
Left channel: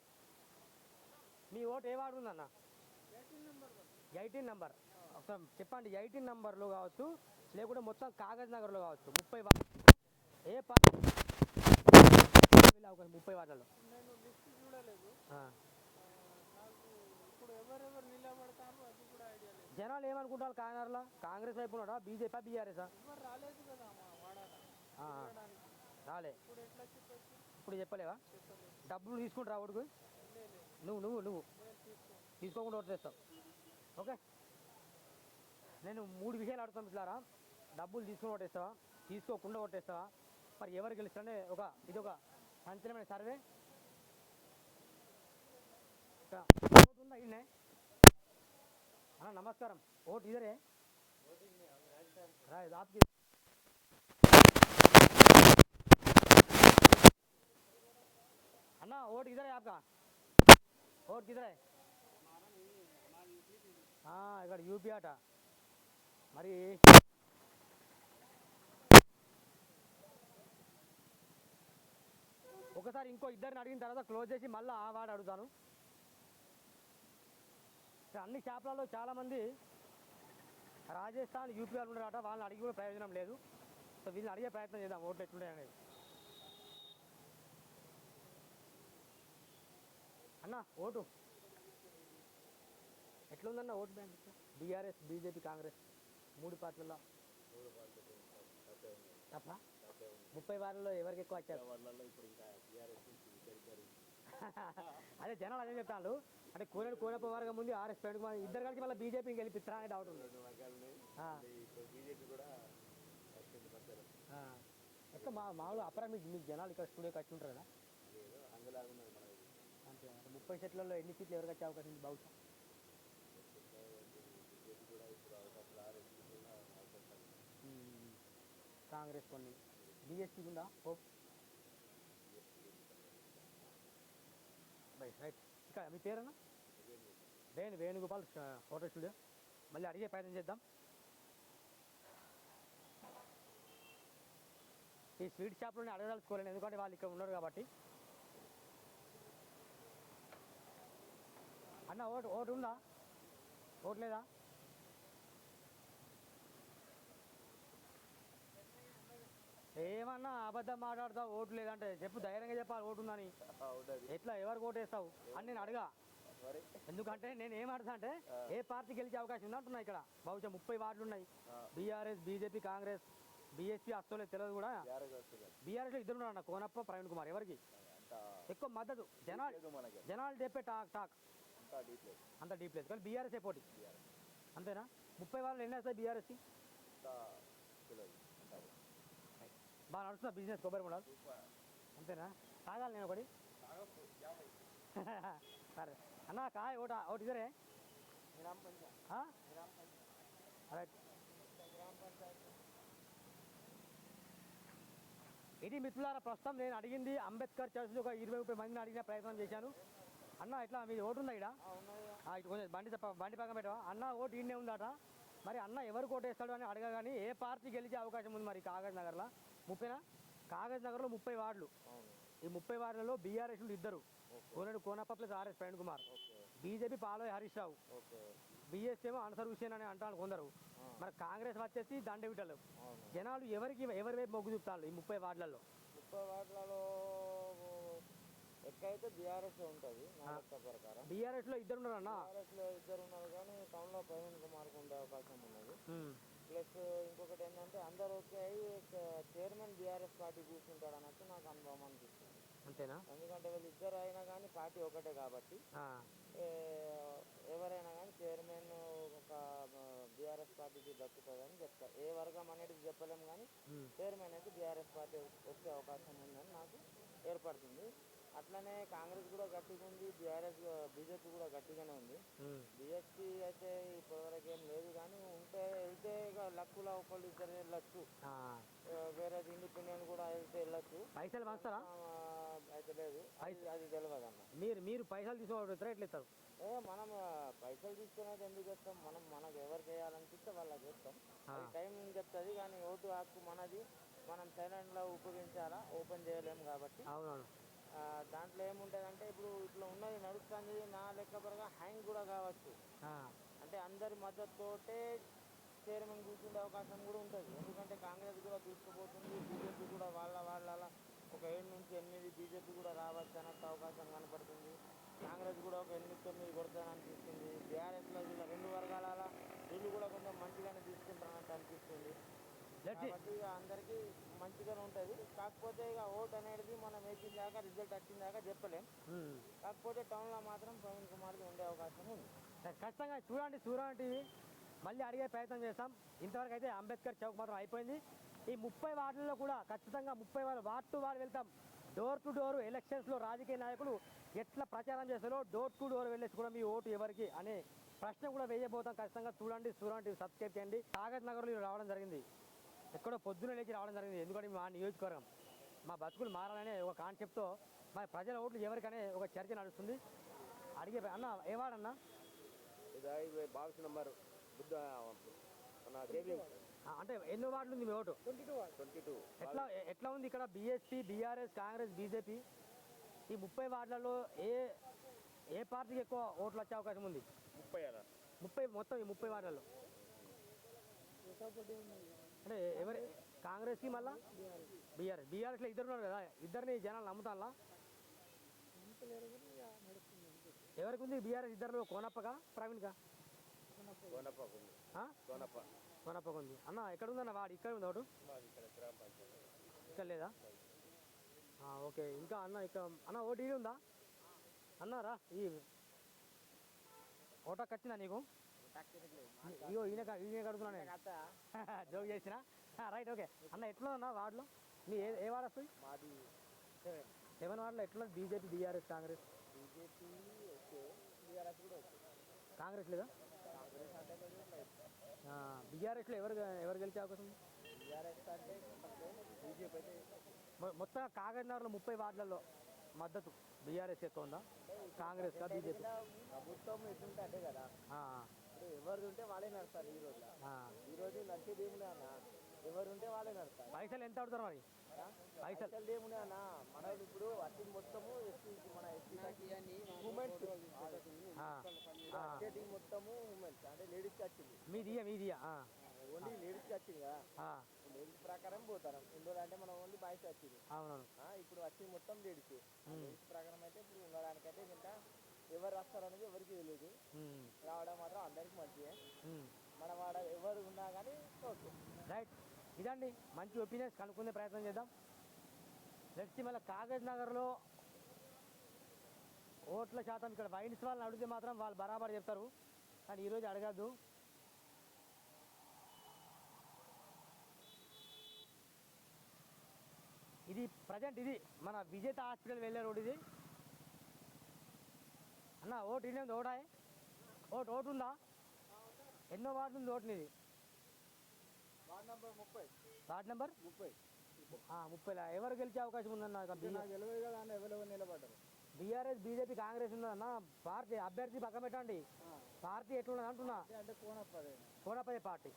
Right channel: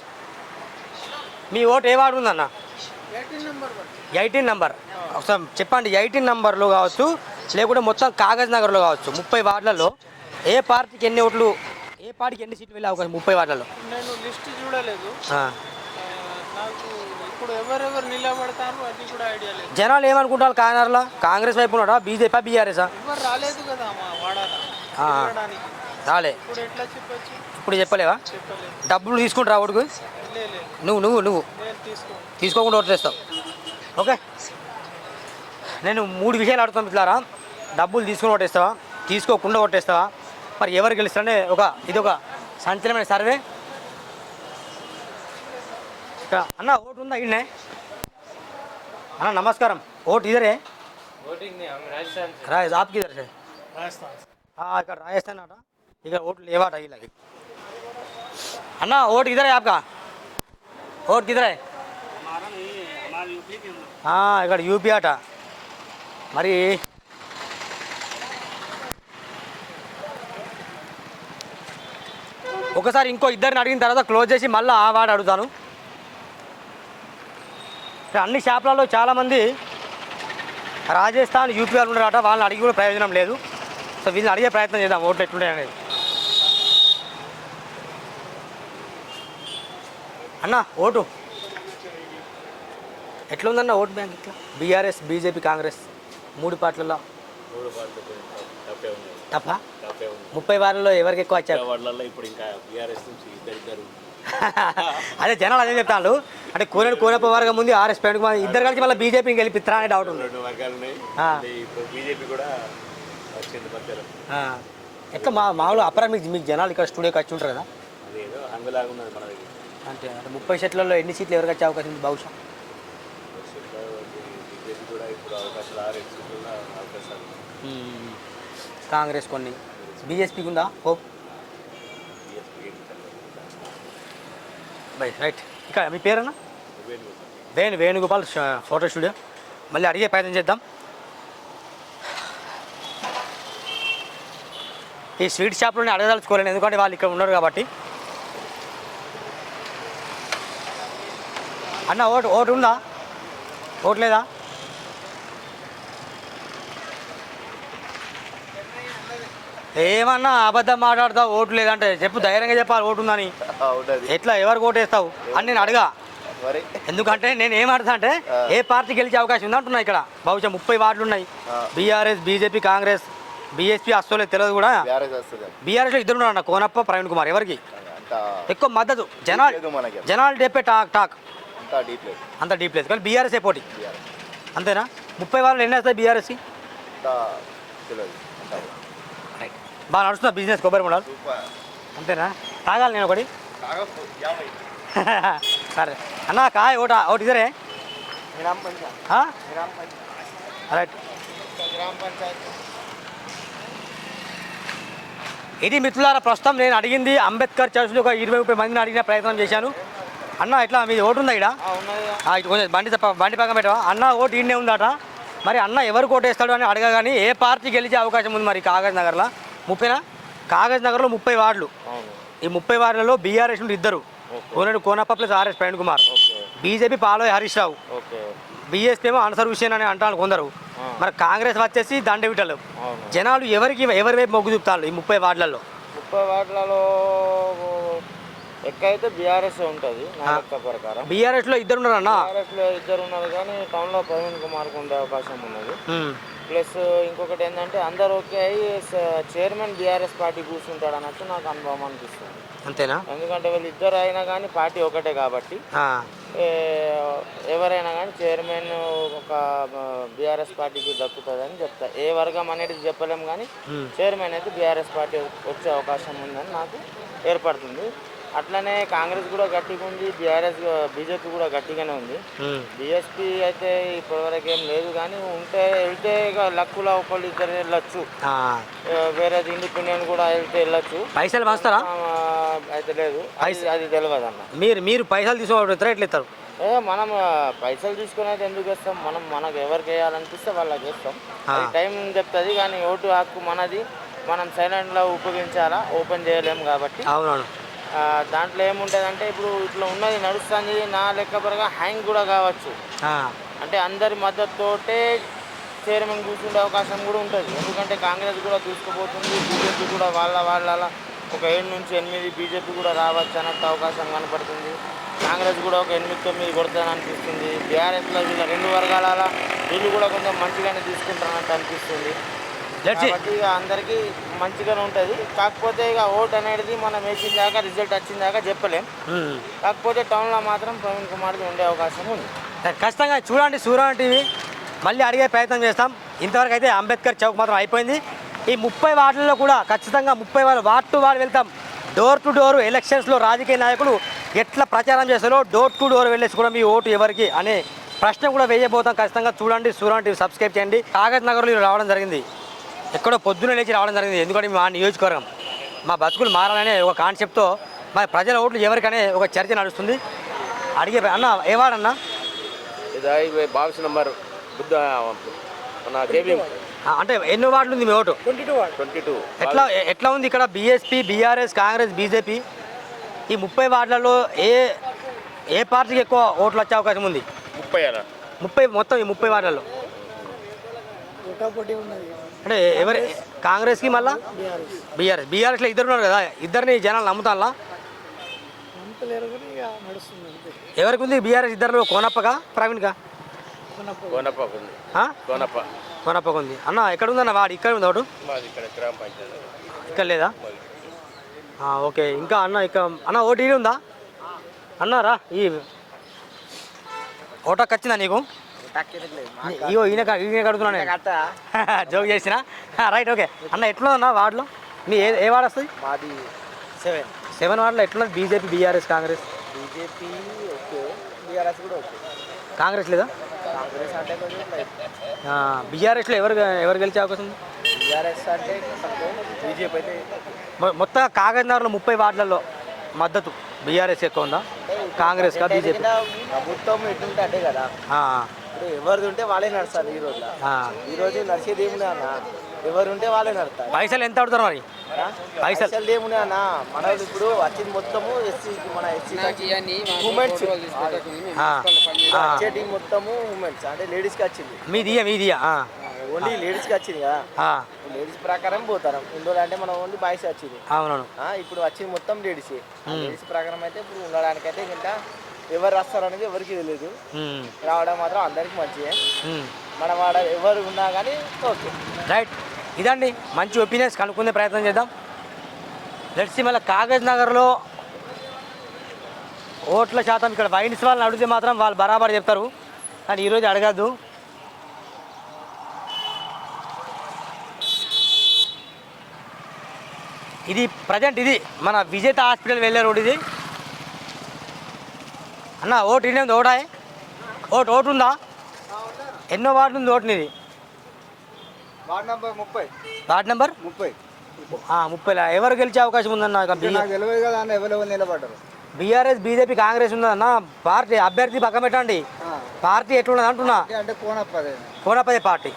మీ ఓటు ఏ వార్డు ఉందన్న? 18 నెంబర్. ఒకసారి చెప్పండి, 18 నెంబర్లో కావచ్చు లేకుంటే మొత్తం కాగజ్ నగర్లో కావచ్చు, 30 వార్డులలో ఏ పార్టీకి ఎన్ని ఓట్లు, పార్టీకి ఎన్ని ఓట్లు వెళ్ళే అవకాశం 30 వార్డులలో? నేను లిస్ట్ చూడలేదు, నాకు ఇప్పుడు ఎవరెవరు నిలబడతారు అది కూడా ఐడియా లేదు. జనాలు ఏమనుకుంటారు కాకినాడలో? కాంగ్రెస్ వైపు ఉన్నాడా, బీజేపీ బీఆర్ఎస్? ఎవరు రాలేదు కదా మా వాడాలి రాలే. ఇప్పుడు ఎట్లా చెప్పచ్చు? ఇప్పుడు చెప్పలేవా? డబ్బులు తీసుకుంటారా ఓటుకు? నువ్వు తీసుకోకుండా ఓటు చేస్తావు. ఓకే, నేను 3 విషయాలు అడుగుతాను మిత్రులారా. డబ్బులు తీసుకుని ఓటేస్తావా, తీసుకోకుండా ఓటేస్తావా, మరి ఎవరు గెలుస్తారనే ఇది ఒక సంచలనమైన సర్వే. అన్న ఓటు ఉందా ఇన్నే? అన్న నమస్కారం, ఓటు ఇదరే? राज आप किधर से? राजस्थान। वोट लेवा था अन्ना, वोट किधर है आपका? वोट किधर है? ఇక్కడ యూపీ అట. మరి ఒకసారి ఇంకో ఇద్దరిని అడిగిన తర్వాత క్లోజ్ చేసి మళ్ళీ ఆ వాడు అడుగుతాను. అన్ని షాపులలో చాలామంది రాజస్థాన్ యూపీ వాళ్ళు ఉన్నారట, వాళ్ళని అడిగి కూడా ప్రయోజనం లేదు. సో వీళ్ళని అడిగే ప్రయత్నం చేద్దాం ఓట్లు ఎట్లుంటాయి అనేది. అన్న ఓటు ఎట్లుందన్న ఓటు బ్యాంక్ ఇట్లా బీఆర్ఎస్ బీజేపీ కాంగ్రెస్ 3 పార్టీలలో తప్ప 30 వారాల్లో ఎవరికి ఎక్కువ వచ్చారు? ఇప్పుడు ఇంకా బీఆర్ఎస్ నుంచి ఇద్దరు అదే జనాలు అదే చెప్తాను. అంటే కోనప్ప వర్గం ముందు ఆర్ఎస్ పెట్టుకుని ఇద్దరు కలిసి మళ్ళీ బీజేపీకి గెలిపిస్తారా అనే డౌట్ ఉంది. 2 వర్గాలు ఉన్నాయి. ఇప్పుడు బీజేపీ కూడా వచ్చింది మధ్యలో. ఎట్లా మామూలు అప్పరా మీకు జనాలు ఇక్కడ స్టూడియోకి వచ్చి ఉంటారు కదా, అదేదో హంగులాగా ఉన్నది మన దగ్గర. అంటే 30 సీట్లలో ఎన్ని సీట్లు ఎవరికి వచ్చే అవకాశం ఉంది బహుశా? బీజేపీ కూడా ఇప్పుడు అవకాశాలు 6 సీట్లలో అవకాశాలు. కాంగ్రెస్ కొన్ని, బీఎస్పీకి ఉందా హోప్? Bye right. ఇక్కడ మీ పేరన్నా? Venugopal photo studio. మళ్ళీ అడిగే ప్రయత్నం చేద్దాం. ఈ స్వీట్ షాప్లోనే అడగదలుచుకోలేను, ఎందుకంటే వాళ్ళు ఇక్కడ ఉన్నారు కాబట్టి. అన్న ఓటు ఉందా? ఓటు లేదా? ఏమన్నా అబద్ధం మాట్లాడతావు ఓటు లేదంటే చెప్పు, ధైర్యంగా చెప్పాలి ఓటు ఉందని. ఎట్లా ఎవరికి ఓటు వేస్తావు అని నేను అడగా. ఎందుకంటే నేను ఏమడతా అంటే ఏ పార్టీ గెలిచే అవకాశం ఉంది అంటున్నా. ఇక్కడ బహుశా 30 వార్డులు ఉన్నాయి. బీఆర్ఎస్ బీజేపీ కాంగ్రెస్ బీఎస్పీ అస్సలే తెలియదు కూడా. బీఆర్ఎస్లో 2 ఉన్నారు అన్న, కోనప్ప ప్రవీణ్ కుమార్. ఎవరికి ఎక్కువ మద్దతు? జనాలు చెప్పే టాక్ అంత డీప్ లేదు కానీ బీఆర్ఎస్ఏ పోటీ అంతేనా? 30 వారాలు ఎన్ని వస్తాయి బీఆర్ఎస్కి? బాగా నడుస్తున్నా బిజినెస్ కొబ్బరి బొండాలు అంతేనా? తాగాలి నేను ఒకటి. సరే అన్న కాయ ఒకటి ఇదరే రైట్. ఇది మిత్రులారా ప్రస్తుతం నేను అడిగింది అంబేద్కర్ చర్చ్లో ఒక 20-30 మందిని అడిగిన ప్రయత్నం చేశాను. అన్న ఇట్లా మీది ఓటు ఉందా ఇక్కడ? ఇటు కొంచెం బండి పక్కన పెట్టవా? అన్న ఓటు ఈడనే ఉందట. మరి అన్న ఎవరికి ఓటు వేస్తాడు అని అడగగాని ఏ పార్టీ గెలిచే అవకాశం ఉంది మరి కాగజ్ నగర్లో? 30నా? కాగజ్ నగర్లో 30 వార్డులు. ఈ 30 వార్డులలో బీఆర్ఎస్ నుండి 2, Konappa plus RS Praveen Kumar. BJP పాలోయ్ హరీష్ రావు. బీఎస్పీ ఏమో అన్సర్ హుసేన్ అని అంటారు కొందరు. మరి కాంగ్రెస్ వచ్చేసి దండవిటలు. జనాలు ఎవరి వైపు మొగ్గు చూపుతారు ఈ 30 వార్డులలో? 30 వార్డులలో ఎక్కువైతే బీఆర్ఎస్ ఉంటుంది నా లెక్క ప్రకారం. బీఆర్ఎస్లో 2 ఉన్నారు అన్న. బీఆర్ఎస్లో 2 ఉన్నారు కానీ టౌన్లో ప్రవీణ్ కుమార్కి ఉండే అవకాశం ఉన్నది. ప్లస్ ఇంకొకటి ఏంటంటే అందరు ఓకే అయ్యి చైర్మన్ బీఆర్ఎస్ పార్టీ కూర్చుంటాడు అన్నట్టు నాకు అనుభవం అనిపిస్తుంది. అంతేనా? ఎందుకంటే వీళ్ళు అయినా కానీ పార్టీ ఒకటే కాబట్టి ఎవరైనా కానీ చైర్మన్ ఒక బీఆర్ఎస్ పార్టీకి దక్కుతుందని చెప్తా. ఏ వర్గం అనేది చెప్పలేము కానీ చైర్మన్ అయితే బీఆర్ఎస్ పార్టీ వచ్చే అవకాశం ఉందని నాకు ఏర్పడుతుంది. అట్లనే కాంగ్రెస్ కూడా గట్టిగా ఉంది, బీజేపీ కూడా గట్టిగానే ఉంది. బీఎస్పీ అయితే ఇప్పటివరకు ఏం లేదు కానీ వెళ్తే లక్కులో ఒకళ్ళు 2 వెళ్ళొచ్చు. వేరేది ఇండిపెండెంట్ కూడా వెళ్ళొచ్చు. పైసలు వస్తారా? అయితే లేదు, అది తెలియదు అన్న. మీరు పైసలు తీసుకోవడం ఎట్లా ఇస్తారు? మనం పైసలు తీసుకుని అయితే ఎందుకు వేస్తాం? మనకు ఎవరికి వేయాలనిపిస్తే వాళ్ళకి వేస్తాం. టైం చెప్తుంది కానీ ఓటు హక్కు మనది. మనం సైలెంట్లో ఉపయోగించాలా, ఓపెన్ చేయలేము కాబట్టి. అవునవును. దాంట్లో ఏముంటుందంటే ఇప్పుడు ఇట్లా ఉన్నది నడుస్తుంది నా లెక్క పరంగా హ్యాంగ్ కూడా కావచ్చు. అంటే అందరి మద్దతుతోటే చైర్మన్ కూర్చుండే అవకాశం కూడా ఉంటుంది. ఎందుకంటే కాంగ్రెస్ కూడా దూసుకుపోతుంది, బీజేపీ కూడా వాళ్ళ ఒక 7 నుంచి 8 బీజేపీ కూడా రావచ్చు అన్నట్టు అవకాశం కనపడుతుంది. కాంగ్రెస్ కూడా ఒక 8-9 కొడుతుందని అనిపిస్తుంది. బీఆర్ఎస్లో వీళ్ళ 2 వర్గాల వీళ్ళు కూడా కొంచెం మంచిగానే తీసుకుంటారన్నట్టు అనిపిస్తుంది. కాబట్టి ఇక అందరికీ మంచిగానే ఉంటుంది. కాకపోతే ఇక ఓట్ అనేది మనం వేసిన దాకా రిజల్ట్ వచ్చిన దాకా చెప్పలేం. కాకపోతే టౌన్లో మాత్రం ప్రవీణ్ కుమార్కి ఉండే అవకాశం ఉంది. ఖచ్చితంగా చూడండి సూర్య టీవీ. మళ్ళీ అడిగే ప్రయత్నం చేస్తాం. ఇంతవరకు అయితే అంబేద్కర్ చౌక్ మాత్రం అయిపోయింది. ఈ 30 వార్డులలో కూడా ఖచ్చితంగా 30 వార్డు టు వార్డు వెళ్తాం. డోర్ టు డోర్ ఎలక్షన్స్లో రాజకీయ నాయకులు ఎట్లా ప్రచారం చేస్తారో డోర్ టు డోర్ వెళ్ళేసి కూడా మీ ఓటు ఎవరికి అనే ప్రశ్న కూడా వేయబోతాం. ఖచ్చితంగా చూడండి సూర్య టీవీ సబ్స్క్రైబ్ చేయండి. కాగజ్ నగర్లో రావడం జరిగింది, ఎక్కడో పొద్దున లేచి రావడం జరిగింది. ఎందుకంటే మా నియోజకవర్గం మా బతుకులు మారాలనే ఒక కాన్సెప్ట్తో మా ప్రజల ఓట్లు ఎవరికనే ఒక చర్చ నడుస్తుంది. అడిగే అన్న ఏవాడన్నా ఇది బాక్స్ నెంబర్ బుద్ధ మన కేబిఎం అంటే ఎన్నో వార్డులు ఉంది మీ ఓటు? 22. ఎట్లా ఉంది ఇక్కడ బీఎస్పీ బీఆర్ఎస్ కాంగ్రెస్ బీజేపీ ఈ 30 వార్డులలో ఏ పార్టీకి ఎక్కువ ఓట్లు వచ్చే అవకాశం ఉంది? 30 30 మొత్తం ఈ 30 వార్డులలో అంటే ఎవరి కాంగ్రెస్కి మళ్ళా బీఆర్ఎస్లో ఇద్దరు ఉన్నారు కదా, ఇద్దరిని జనాలు నమ్ముతారా? ఎవరికి ఉంది బీఆర్ఎస్ ఇద్దరు? కోనప్పగా ప్రవీణ్గా? కోనప్పకు ఉంది. అన్న ఎక్కడ ఉందన్న వాడు? ఇక్కడ ఉంది ఒకటి, ఇక్కడ లేదా? ఓకే. ఇంకా అన్న ఇక్కడ అన్న ఓటు ఇది ఉందా అన్నారా? ఈ ఓటాకు వచ్చిందా నీకు? ఇగో ఈయన అడుగుతున్నా నేను, జోక్ చేసిన. Right, okay. అన్న ఎట్లుందన్న వార్డులో మీ ఏ వార్డు వస్తుంది? మాది 7 వార్డులో ఎట్లున్నది? BJP, BRS, Congress? BJP okay, BRS కూడా ఓకే. కాంగ్రెస్ లేదా? కాంగ్రెస్ అంటే కొంచెం బీఆర్ఎస్లో ఎవరు గెలిచే అవకాశం ఉంది? బీఆర్ఎస్ అంటే బీజేపీ అయితే మొత్తం కాగజ్నగర్లో 30 వార్డులలో మద్దతు బీఆర్ఎస్ ఎక్కువ ఉందా, కాంగ్రెస్ కా బీజేపీ? ప్రభుత్వం ఎటుంటే అంటే కదా, ఇప్పుడు ఎవరిది ఉంటే వాళ్ళే నడుస్తారు. ఈ రోజు నడిచేది ఏమున్నా అన్న, ఎవరు ఉంటే వాళ్ళే నడుస్తారు. పైసలు ఎంత అడుగుతారు మరి? పైసలు ఏమున్నా అన్న, మన ఇప్పుడు వచ్చింది మొత్తము ఎస్సీ, మన ఎస్సీ ఉమెన్స్ వచ్చేటి మొత్తము ఉమెన్స్ అంటే లేడీస్కి వచ్చింది. మీదియా ఓన్లీ లేడీస్కి వచ్చింది కదా, లేడీస్ ప్రకారం పోతారు. ఇందులో అంటే మనం ఓన్లీ బాయ్స్ వచ్చింది. అవునవును. ఇప్పుడు వచ్చింది మొత్తం లేడీస్. లేడీస్ ప్రకారం అయితే ఇప్పుడు ఉండడానికైతే ఇంకా ఎవరు వస్తారు అనేది ఎవరికి తెలియదు. రావడం మాత్రం అందరికి మంచిదే. మన వాడ ఎవరు ఉన్నా కానీ ఓకే. రైట్, ఇదండి మంచి ఒపీనియన్స్ కనుక్కునే ప్రయత్నం చేద్దాం. లెట్స్ మళ్ళీ కాగజ్నగర్లో ఓట్ల శాతం ఇక్కడ వైన్స్ వాళ్ళని అడిగితే మాత్రం వాళ్ళు బరాబర్ చెప్తారు, కానీ ఈరోజు అడగద్దు. ఇది ప్రజెంట్ ఇది మన విజేత హాస్పిటల్ వెళ్ళే రోడ్ ఇది. అన్న ఓటు ఇన్ని ఉంది? ఓటాయే ఓటు ఉందా? ఎన్నో వార్డు ఉంది ఓటు నీది? Ward number 30. Ward number 30. ఎవరు గెలిచే అవకాశం ఉందన్న? తెలియదు కదా అన్న, ఎవరు నిలబడ్డారు? బీఆర్ఎస్, బీజేపీ, కాంగ్రెస్ ఉందన్న. పార్టీ అభ్యర్థి పక్కన పెట్టండి, పార్టీ ఎట్లున్నది అంటున్నా. అంటే కోనప్పదే పార్టీ.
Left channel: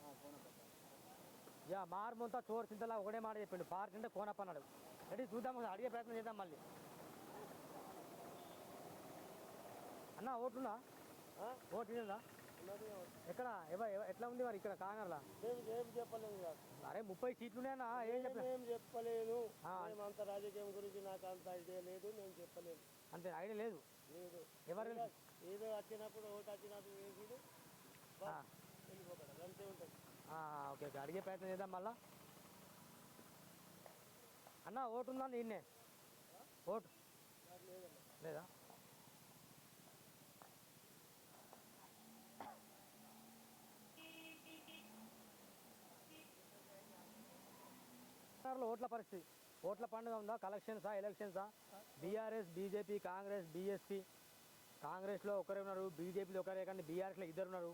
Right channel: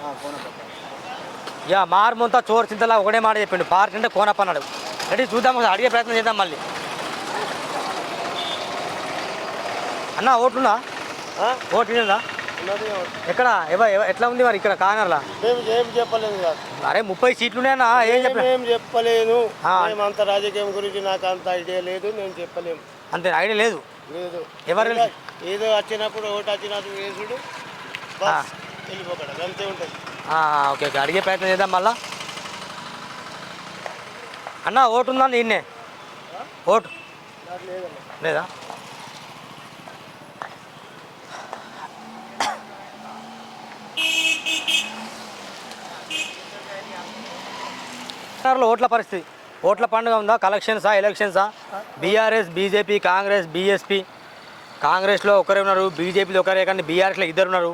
మారుమంతా చోరు చింతలా ఒకటే మాట చెప్పిండు, పార్టీ అంటే కోనప్ప అన్నాడు. అంటే చూద్దాం, అడిగే ప్రయత్నం చేద్దాం మళ్ళీ. అన్న ఓట్లుందా? ఓటు ఉందా? ఎక్కడ ఎట్లా ఉంది మరి ఇక్కడ కార్నర్లా? ఏం చెప్పలేదు. అరే 30 సీట్లు ఉన్నాయన్నా, ఏం చెప్పలేను. అంత రాజకీయం గురించి నాకు అంత ఐడియా లేదు, నేను చెప్పలేము. అంతే, ఐడియా లేదు. ఎవరు ఏదో వచ్చినప్పుడు ఓటు వచ్చినప్పుడు వేసుడు వెళ్ళిపోకూడదు, అంతే ఉంటుంది. ఓకే, అడిగే ప్రయత్నం చేద్దాం మళ్ళా. అన్న ఓటు ఉందా నిన్నే? ఓటు లేదా? ఓట్ల పరిస్థితి, ఓట్ల పండుగ ఉందా? కలెక్షన్సా, ఎలక్షన్సా? BRS, BJP, Congress, BSP. కాంగ్రెస్లో ఒకరే ఉన్నారు, బీజేపీలో ఒకరే, కానీ బీఆర్ఎస్లో ఇద్దరు ఉన్నారు.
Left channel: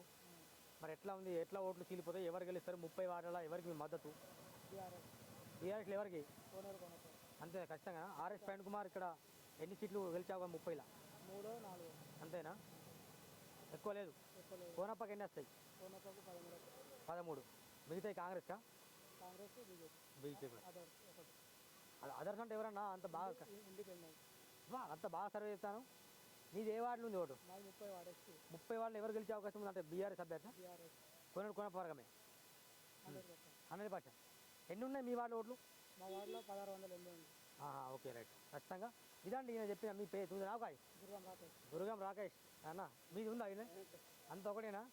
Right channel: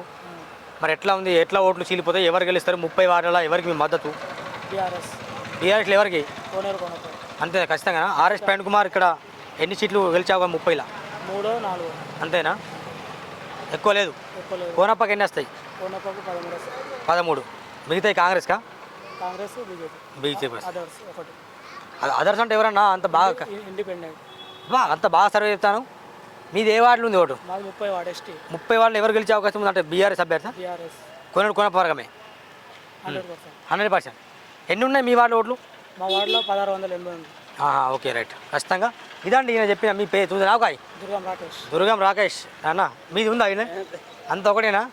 మరి ఎట్లా ఉంది? ఎట్లా ఓట్లు చీలిపోతాయి? ఎవరు గెలుస్తారు? 30 వార్డుల ఎవరికి మీ మద్దతు? బీఆర్ఎస్లో ఎవరికి? అంతే ఖచ్చితంగా. ఆర్ఎస్ ప్రవీణ్ కుమార్ ఇక్కడ ఎన్ని సీట్లు గెలిచావు? 30లా 3-4 అంతేనా? ఎక్కువ లేదు. కోనప్పకి ఎన్ని వస్తాయి? 13. మిగతాయి కాంగ్రెస్కా? బీజేపీ. అదర్స్ అంటే ఎవరన్నా అంత బాగా అంత బాగా సర్వే చెప్తాను. మీది ఏ వార్డులు ఉంది ఓటు? 30 వార్డులు ఎవరు గెలిచే అవకాశం ఉంది అంటే బీఆర్ఎస్ అభ్యర్థి కోనప్ప వర్గమే 100%. ఎన్ని ఉన్నాయి మీ వార్డులో ఓట్లు? మా వార్డులో 1680 ఉంది. Okay, right. ఖచ్చితంగా ఇదండి ఈయన చెప్పిన మీ పేరు చూసి నాకాయ్ దుర్గం రాకేష్ అన్న. మీది ఉందా ఆయన? అంత ఒకటేనా?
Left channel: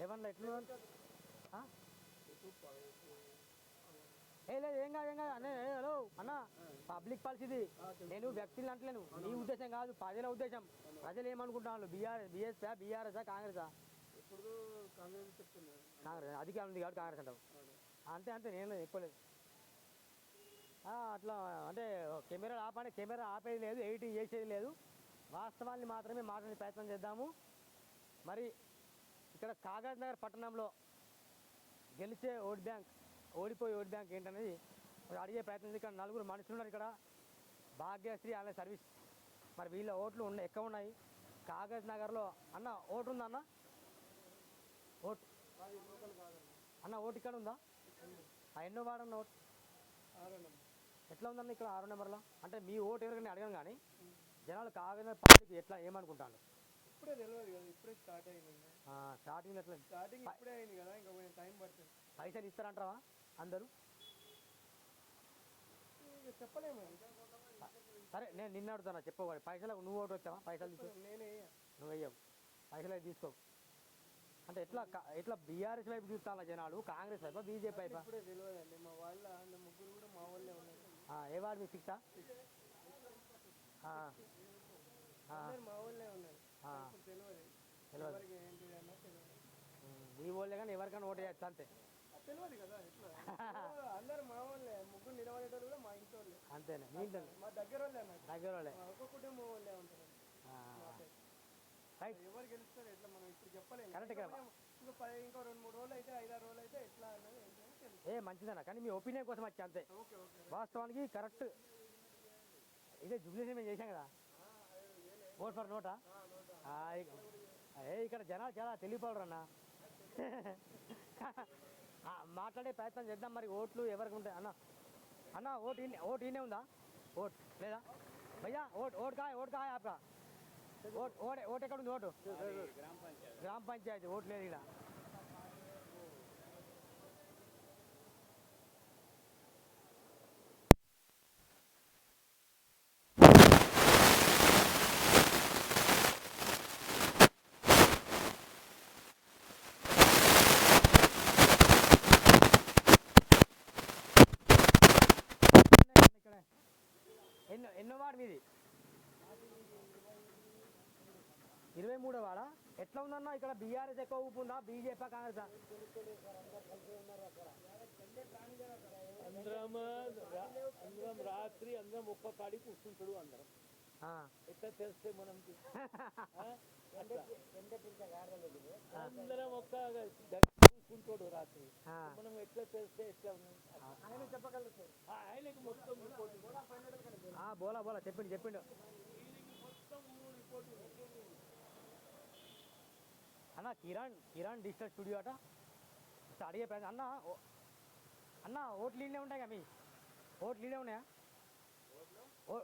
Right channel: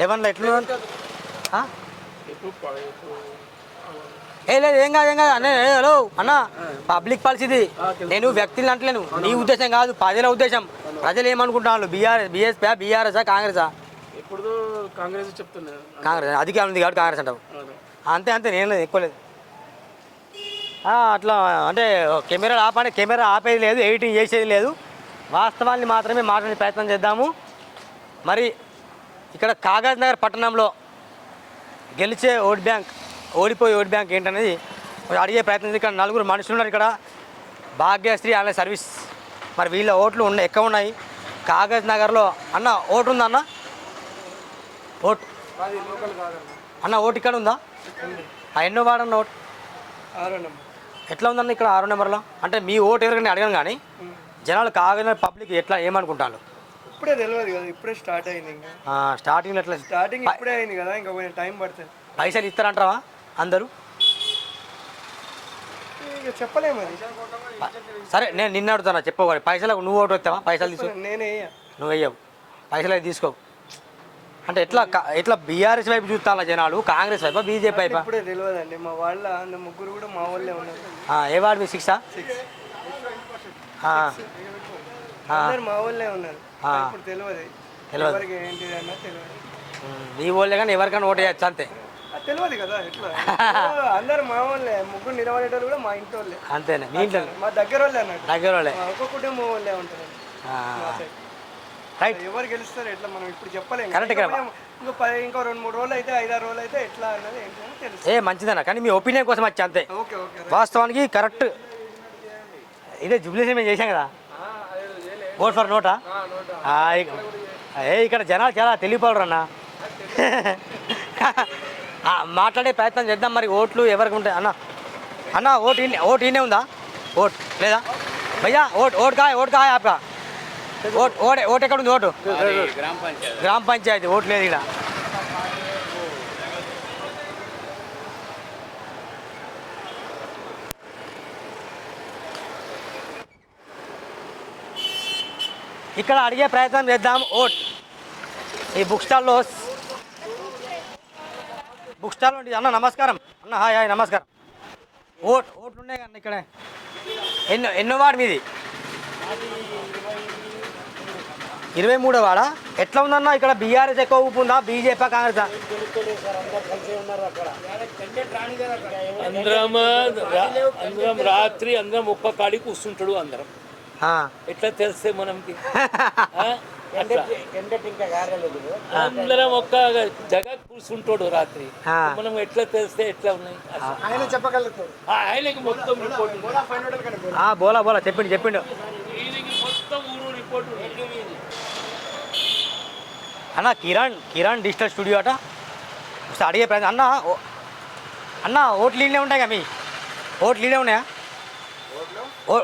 లెవెన్లో ఎట్లా? లేదు, ఏం కాదు అన్న. హలో అన్న, పబ్లిక్ పాలసీది, నేను వ్యక్తులు అంటలేను. నీ ఉద్దేశం కాదు, ప్రజల ఉద్దేశం. ప్రజలు ఏమనుకుంటున్నారు? బీఎస్పీ, బీఆర్ఎస్ఆ, కాంగ్రెసా? ఇప్పుడు కాంగ్రెస్ చెప్తున్నారు. కాంగ్రెస్ అధికారం ఉంది కాబట్టి కాంగ్రెస్ అంటావు. అంతే, నేను లేదు, ఎక్కువ లేదు. అట్లా అంటే కెమెరాలు ఆపండి, కెమెరా ఆపేది లేదు, ఎడిటింగ్ చేసేది లేదు. వాస్తవాన్ని మాత్రమే మాట్లాడే ప్రయత్నం చేద్దాము. మరి ఇక్కడ కాగజ్నగర్ పట్టణంలో గెలిచే ఓట్ బ్యాంక్, ఓడిపోయే ఓట్ బ్యాంక్ ఏంటనేది అడిగే ప్రయత్నం. ఇక్కడ 4 మనుషులు ఉన్నారు ఇక్కడ, భాగ్యశ్రీ ఆన్లైన్ సర్వీస్. మరి వీళ్ళ ఓట్లు ఎక్కువ ఉన్నాయి కాగజ్నగర్లో. అన్న ఓటు ఉందా అన్న? ఓటు అన్న, ఓటు ఇక్కడ ఉందా? ఎన్నో వాడన్న ఓటు? 6వ నెంబర్. ఎట్లా ఉందన్న ఇక్కడ 6వ నెంబర్లో? అంటే మీ ఓటు ఎవరికైనా అడగను, కానీ జనాలు కాగజ్నగర్ పబ్లిక్ ఎట్లా ఏమనుకుంటారు? ఇప్పుడే తెలియదు కదా, ఇప్పుడే స్టార్ట్ అయింది. ఇంకా స్టార్టింగ్ ఎట్లా స్టార్టింగ్ ఇప్పుడే అయింది కదా, ఇంకా కొంచెం టైం పడుతుంది. పైసలు ఇస్తారంటావా అందరూ? ఇక చెప్పలేము అది. సరే నేను నిన్న అడుగుతాను, చెప్పవాలి. పైసలకు నువ్వు ఓటు వస్తావా? పైసలు తీసుకో. నేనే నువ్వు వెయ్యవు, పైసలు అయితే తీసుకో. అంటే ఎట్లా బీఆర్ఎస్ వైపు చూస్తాను జనాలు, కాంగ్రెస్ వైపా బీజేపీ వైపా? ఇప్పుడే తెలియదండి. మా వాళ్ళ ముగ్గురు కూడా మా వాళ్ళే ఉన్నారు. ఏ వాడు మీ 6 అందరు మా వాళ్ళే ఉన్నారు. ఇప్పుడు తెలియదు ఎవరికి ఏంటిది అన్న తెలియదు. నీ వాళ్ళే కానీ ఎవరికైనా ఓటు వేయచ్చు అంతే. తెలియదు కదా ఎట్లా. అందరు మా వాళ్ళే, ముగ్గురు నిలబడేటోళ్ళు కూడా మా ఇంటి వాళ్ళే. అంతేనా? మీ ఇంట్లో మా దగ్గర వాళ్ళే అన్నట్టు. దగ్గర వాళ్ళే, ఒక్క కుటుంబం వాళ్ళే ఉంటారు. రైట్. ఎవరు గెలుస్తారు ఎట్లా మనం ఇప్పుడు చెప్పలేము. కరెక్ట్. ఇంకో 2-3 రోజులు అయితే 5-6 రోజులు అయితే ఎట్లా అన్నది ఏంటని తెలుసు. మంచిదన్నా, కానీ మీ ఒపీనియన్ కోసం వచ్చి అంతే. Okay okay. వాస్తవానికి కరెక్ట్. ఇదే జుబ్లీస్ మేము చేసాం కదా, ఓట్ ఫర్ నోటా. ఇక్కడ జనాలు చాలా తెలియపోరు అన్న. మాట్లాడే ప్రయత్నం చేద్దాం. మరి ఓట్లు ఎవరికి ఉంటాయి అన్న ఓటు ఈయనే ఉందా? ఓట్ లేదా భయ్యా? ఓట్ కాయ ఆప్కా ఓట్ ఎక్కడ ఉంది? ఓటు గ్రామ పంచాయతీ. ఓటు లేదు ఇక్కడ. ఇక్కడ అడిగే ప్రయత్నం చేద్దాం. ఓట్ ఈ బుక్ స్టాల్లో అన్న నమస్కారం. అన్న హాయ్ నమస్కారం. ఓట్ ఉన్నాయి అన్న ఇక్కడ. ఎన్నో వార్డు మీది? 23వ వార్డా. ఎట్లా ఉందన్న ఇక్కడ? బీఆర్ఎస్ ఎక్కువ ఊపు ఉందా, బీజేపీ కాంగ్రెస్? అందరం రాత్రి అందరం ఒక్క కాడి కూర్చుంటాడు. అందరం ఎట్లా తెలిస్తే మనకి? అందరం ఒక్క జగ కూర్చుంటాడు రాత్రి. మనం ఎట్లా తెలిస్తే ఎట్లా ఉన్నాయి? ఆయన చెప్పగలుగుతాడు. ఆయనకి మొత్తం రిపోర్ట్ బోలా చెప్పిండు మొత్తం ఊరు రిపోర్ట్. అన్న కిరణ్ డిజిటల్ స్టూడియో అట. ఒకసారి అడిగే ప్రయత్నం. అన్న ఓట్లు లీడ్లే ఉంటాయి కదా మీ? ఓట్లు లీడే ఉన్నాయా?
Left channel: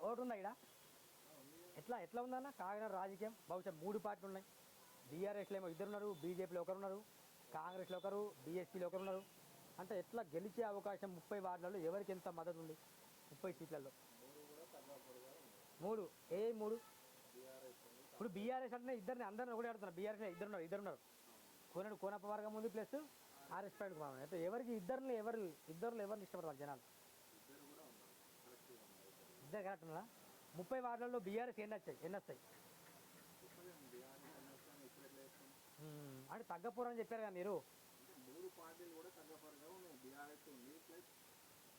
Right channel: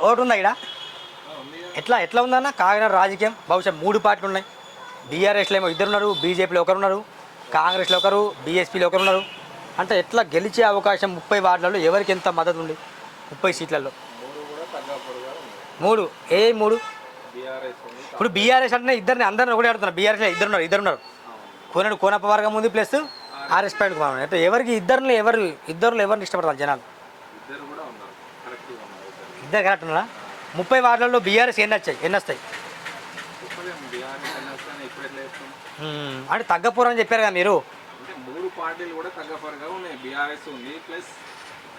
ఓటు ఉందా ఇక్కడ? ఎట్లా ఉందన్న కాకినాడ రాజకీయం? బహుశా 3 పార్టీలు ఉన్నాయి. బీఆర్ఎస్లో ఏమో 2 ఉన్నారు, బీజేపీలో 1 ఉన్నారు, కాంగ్రెస్లో 1, బీఎస్పీలో 1 ఉన్నారు. అంటే ఎట్లా గెలిచే అవకాశం? 30 వార్డులలో ఎవరికి ఎంత మద్దతు ఉంది? 30 సీట్లలో 3. ఏ 3? ఇప్పుడు బీఆర్ఎస్ అంటే అందరిని ఒకటే ఆడుతున్నారు. బీఆర్ఎస్లో 2 ఉన్నారు. కోనప్ప వర్గం ఉంది, ప్లస్ ఆర్ఎస్ పాయింట్ కుమార్. అంటే ఎవరికి ఇద్దరిని ఎవరిని ఇష్టపడతారు జనాలు? ఇద్దరు కరెక్ట్ ఉన్నారా? 30 వార్డులలో బీఆర్ఎస్ ఎన్ని వస్తాయి? అంటే తగ్గపోరని చెప్పారు కదా మీరు. 3 పార్టీలు కూడా తగ్గపోరుగా ఉన్నాయి. బీఆర్ఎస్ ఉంది, ప్లస్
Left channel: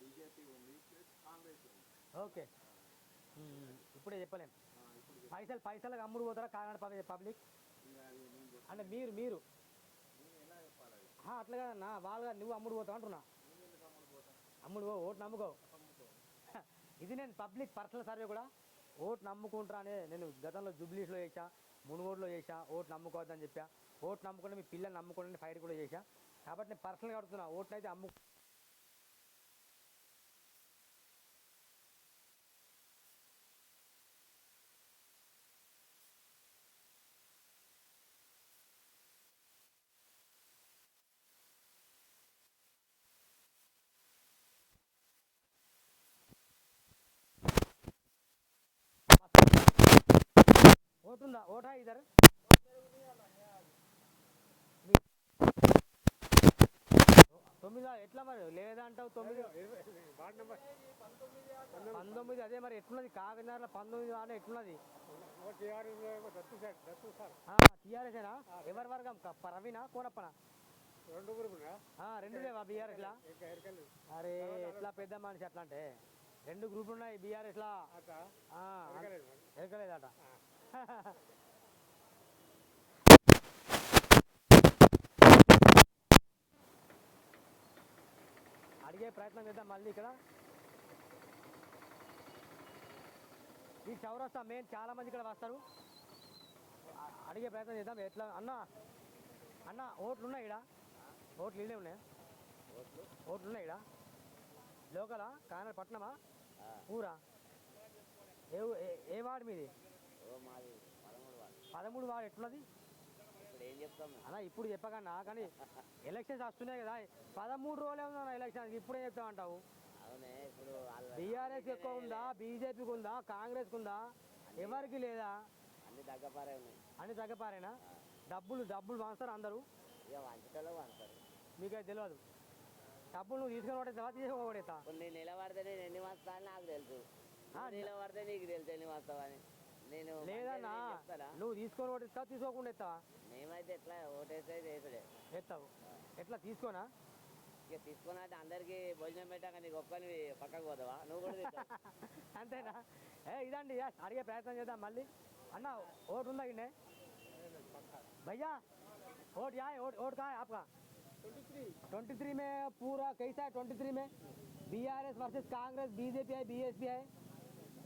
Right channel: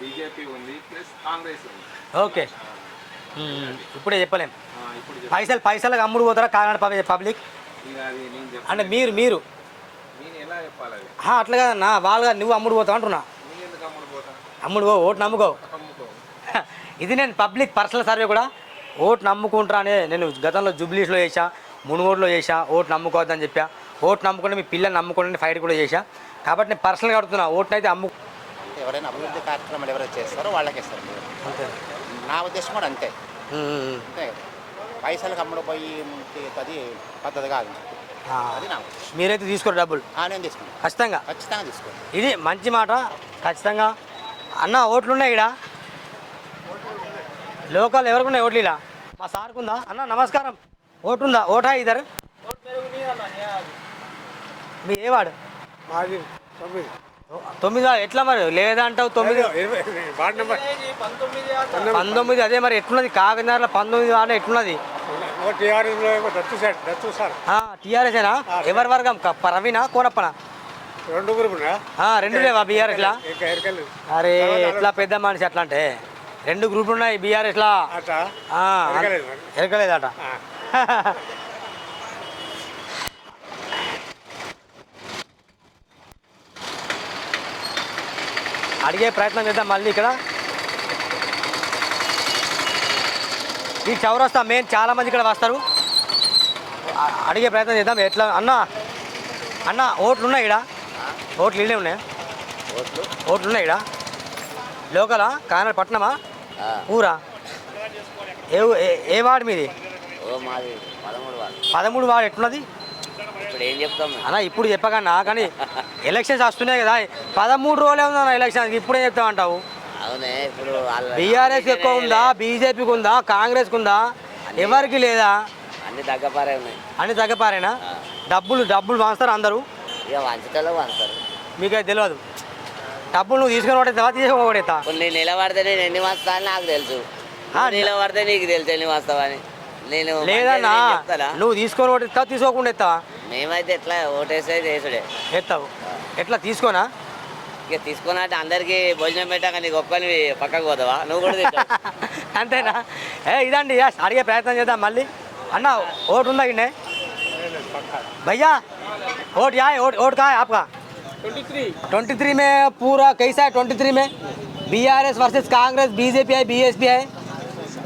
బీజేపీ ఉంది, ప్లస్ కాంగ్రెస్ ఉంది. ఓకే. ఇప్పుడే చెప్పలేం. పైసలకు అమ్ముడు పోతారా కాకినాడ పబ్లిక్? అంటే మీరు అట్లా కదన్నా, వాళ్ళగా నువ్వు అమ్ముడు పోతావు అంటున్నా. అమ్ముడు ఓటు నమ్ముకో. ఇది నేను పబ్లిక్ పర్సనల్ సర్వే కూడా. ఓటు నమ్ముకుంటారా నేను గతంలో జూబ్లీస్లో చేసా, మునుగోడులో చేసా. ఓటు నమ్ముకోవద్దని చెప్పా. ఓటు నమ్ముకుంటే మీ పిల్లల్ని నమ్ముకోండి ఫైట్ కూడా చేశా. కాబట్టి నేను పర్సనల్గా అడుగుతున్నా, ఓటును అయితే ఎవరైనా అభివృద్ధి కార్యక్రమాలు ఎవరైతే చేస్తారో వాళ్ళకే ఇస్తారు. అంతే నా ఉద్దేశం కూడా అంతే. అంతే పైసలకు అమ్ముడుపోయి అది పద్ధతి కాదు. అది నా ఉద్దేశం. మీరైతే తీసుకోరు డబ్బులు? నేను తీసుకుంటాను. ఖచ్చితంగా తీసుకోండి. ఇది మంచి మాట. ఖచ్చితంగా అన్న ఓట్లు ఉన్నాయి ఇక్కడ. లోకల్ ఎవరికి ఉన్నాయి ఓట్లు? ఇలా మా సార్ ఉందా? అన్న నమస్కారం. ఓటు ఉందా? ఓటా ఇద్దరు? మీ ఏ వాడు? 9 ఎట్లా మరి లేదంటావు? 9 19. అదే మరి ఎట్లున్నది కాకినాడలో 19 వాడు ఎట్లున్నది? టీఆర్ఎస్ఏనా? ఎవరి వర్గం? ప్రవీణా కోనప్పనా? 2 లేవా బీఆర్ఎస్లా? అరే ఎట్లా పెద్ద మనిషి అట్లా అంటే 2 గ్రూపులు ఉన్నాయి బీఆర్ఎస్లా. ఎరకలేదట. అడిగే ప్రయత్నం చేద్దాం మళ్ళీ. ఇక్కడ ఈ చౌరస్తా మెయిన్ చాలామంది ఇక్కడ వస్తారు. అడిగే ప్రయత్నం చేద్దాం. ఎట్లా అన్న ఓట్లు ఉన్నాయి ఇక్కడ? ఓట్లు ఇల్లే ఉన్నాయా? ఓట్లు ఉన్నాయి ఇక్కడ. లోకలా? కాకినాడ పట్టణమా ఊరా? ఏ వార్డు మీది? మాది 13 వాడు 13 వాడు ఎట్లున్నది ఇప్పుడు ఏం చెప్తాం అన్న ఇప్పుడు చెప్పకన్నా కానీ ఎలక్షన్స్ వస్తున్నాయి కదా 13 రోజులే ఉందన్న ఎలక్షన్ ఇప్పుడు ఏం చెప్తామంటావు అవునే ఇప్పుడు బీఆర్ఎస్ ఎక్కువ ఉందా బీజేపీకి ఉందా కాంగ్రెస్కి ఉందా ఎవరికి లేదా అన్ని తగ్గపారే ఉన్నాయి అన్ని తగ్గపారేనా డబ్బులు వాస్తారు అందరూ ఇక వంచుతలో వంచుతారు మీకు అది తెలియదు డబ్బులు నువ్వు తీసుకొని పడేస్తావా తీసుకోబడేస్తా ఇప్పుడు నేను నిలబడితే నేను ఎన్ని వస్తా అని నాకు తెలుసు నిలబడితే నీకు తెలుసు ఎన్ని వస్తావని నేను లేదన్నా నువ్వు తీసుకొని పడేస్తావా తీసుకోకుండా ఎత్తావా మేమైతే ఎట్లా ఓటేసేది వేసుడే ఎత్తావు ఎట్లా తీసుకోనా ఇక తీసుకున్నట్టు అందరికి భోజనం పెట్టాక నీకు ఒక్కని పక్కకు పోతావా నువ్వు కూడా తింటావు అంతేనా ఇదండి అడిగే ప్రయత్నం చేద్దాం మళ్ళీ అన్న ఓటు ఉందా ఇన్నే भैया वोट यहाँ है वोट कहाँ है आपका 23 में पूरा कैसा है 23 में बीआरएस वर्सेस कांग्रेस बीजेपी है बीएसपी है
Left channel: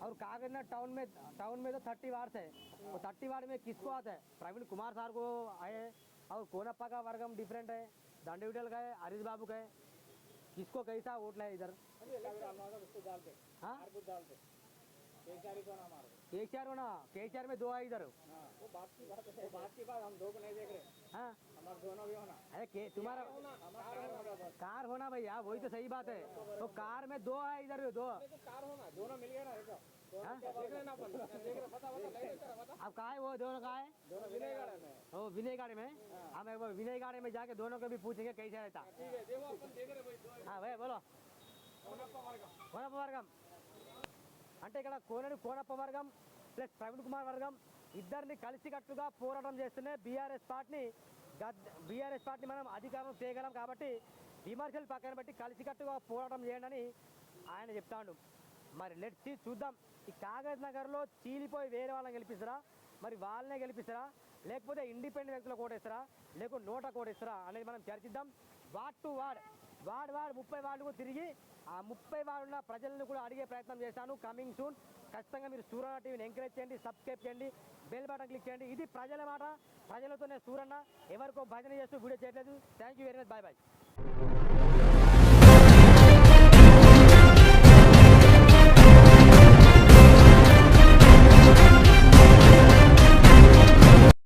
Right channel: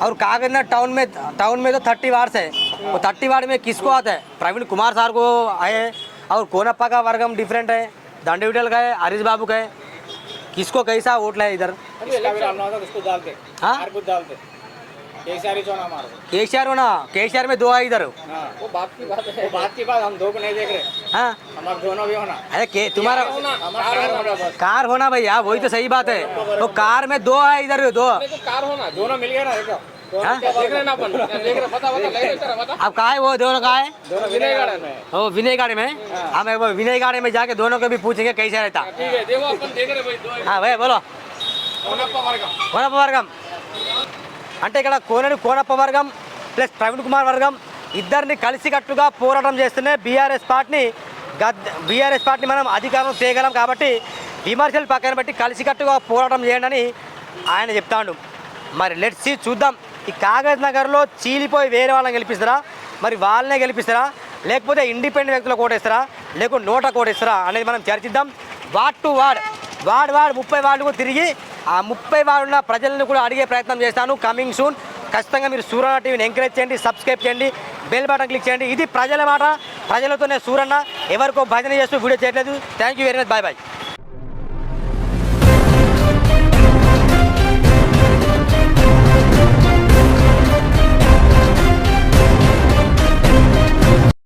और कांग्रेस टाउन में तो 30 वार्ड है वो 30 वार्ड में किसको आता है प्रवीण कुमार सर को आए और कोनप्पा का वर्गम डिफरेंट है दंडविटल का है हरीश बाबू का है किसको कैसा वोट है इधर केसीआर होना केसीआर में 2 है इधर वो बात की बात हम 2 को नहीं देख रहे हाँ हमारा दोनों भी होना अरे तुम्हारा कार होना भैया वही तो सही बात है वो कार में 2 है इधर 2 कार होना दोनों मिल गया ना देखो अब कहा है वो दोनों कहा है विनय गार्डन में वो विनय गार्डन में हम एक बार विनय गार्डन में जाके दोनों को भी पूछेंगे कैसे रहता देखो अपन देख रहे भाई हाँ भाई बोलो కోనప్ప వర్గం అంటే ఇక్కడ కోనప్ప వర్గం ప్లస్ ప్రవీణ్ కుమార్ వర్గం ఇద్దరిని కలిసికట్టుగా పోరాటం చేస్తూనే బీఆర్ఎస్ పార్టీని మనం అధికారం చేయగలం కాబట్టి విమర్శలు పక్కన పెట్టి కలిసికట్టుగా పోరాటం చేయండి అని ఆయన చెప్తాడు మరి లెట్స్ సీ చూద్దాం ఈ కాగజ్ నగర్లో చీలిపోయి వేరే వాళ్ళని గెలిపిస్తారా మరి వాళ్ళనే గెలిపిస్తారా లేకపోతే ఇండిపెండెంట్ వ్యక్తులకు ఓటేస్తారా లేకపోతే నోటా ఓటేస్తారా అనేది మనం చర్చిద్దాం వార్డ్ 30 వార్డుకు తిరిగి ఆ 30 వార్డున్న ప్రజలను కూడా అడిగే ప్రయత్నం చేస్తాను కమింగ్ సూన్ ఖచ్చితంగా మీరు సూరన్న టీవీని ఎంకరేజ్ చేయండి సబ్స్క్రైబ్ చేయండి బెల్ బటన్ క్లిక్ చేయండి ఇది ప్రజల మాట ప్రజలతోనే సూరన్న ఎవరికో భజన చేస్తూ వీడియో చేయట్లేదు thank you very much bye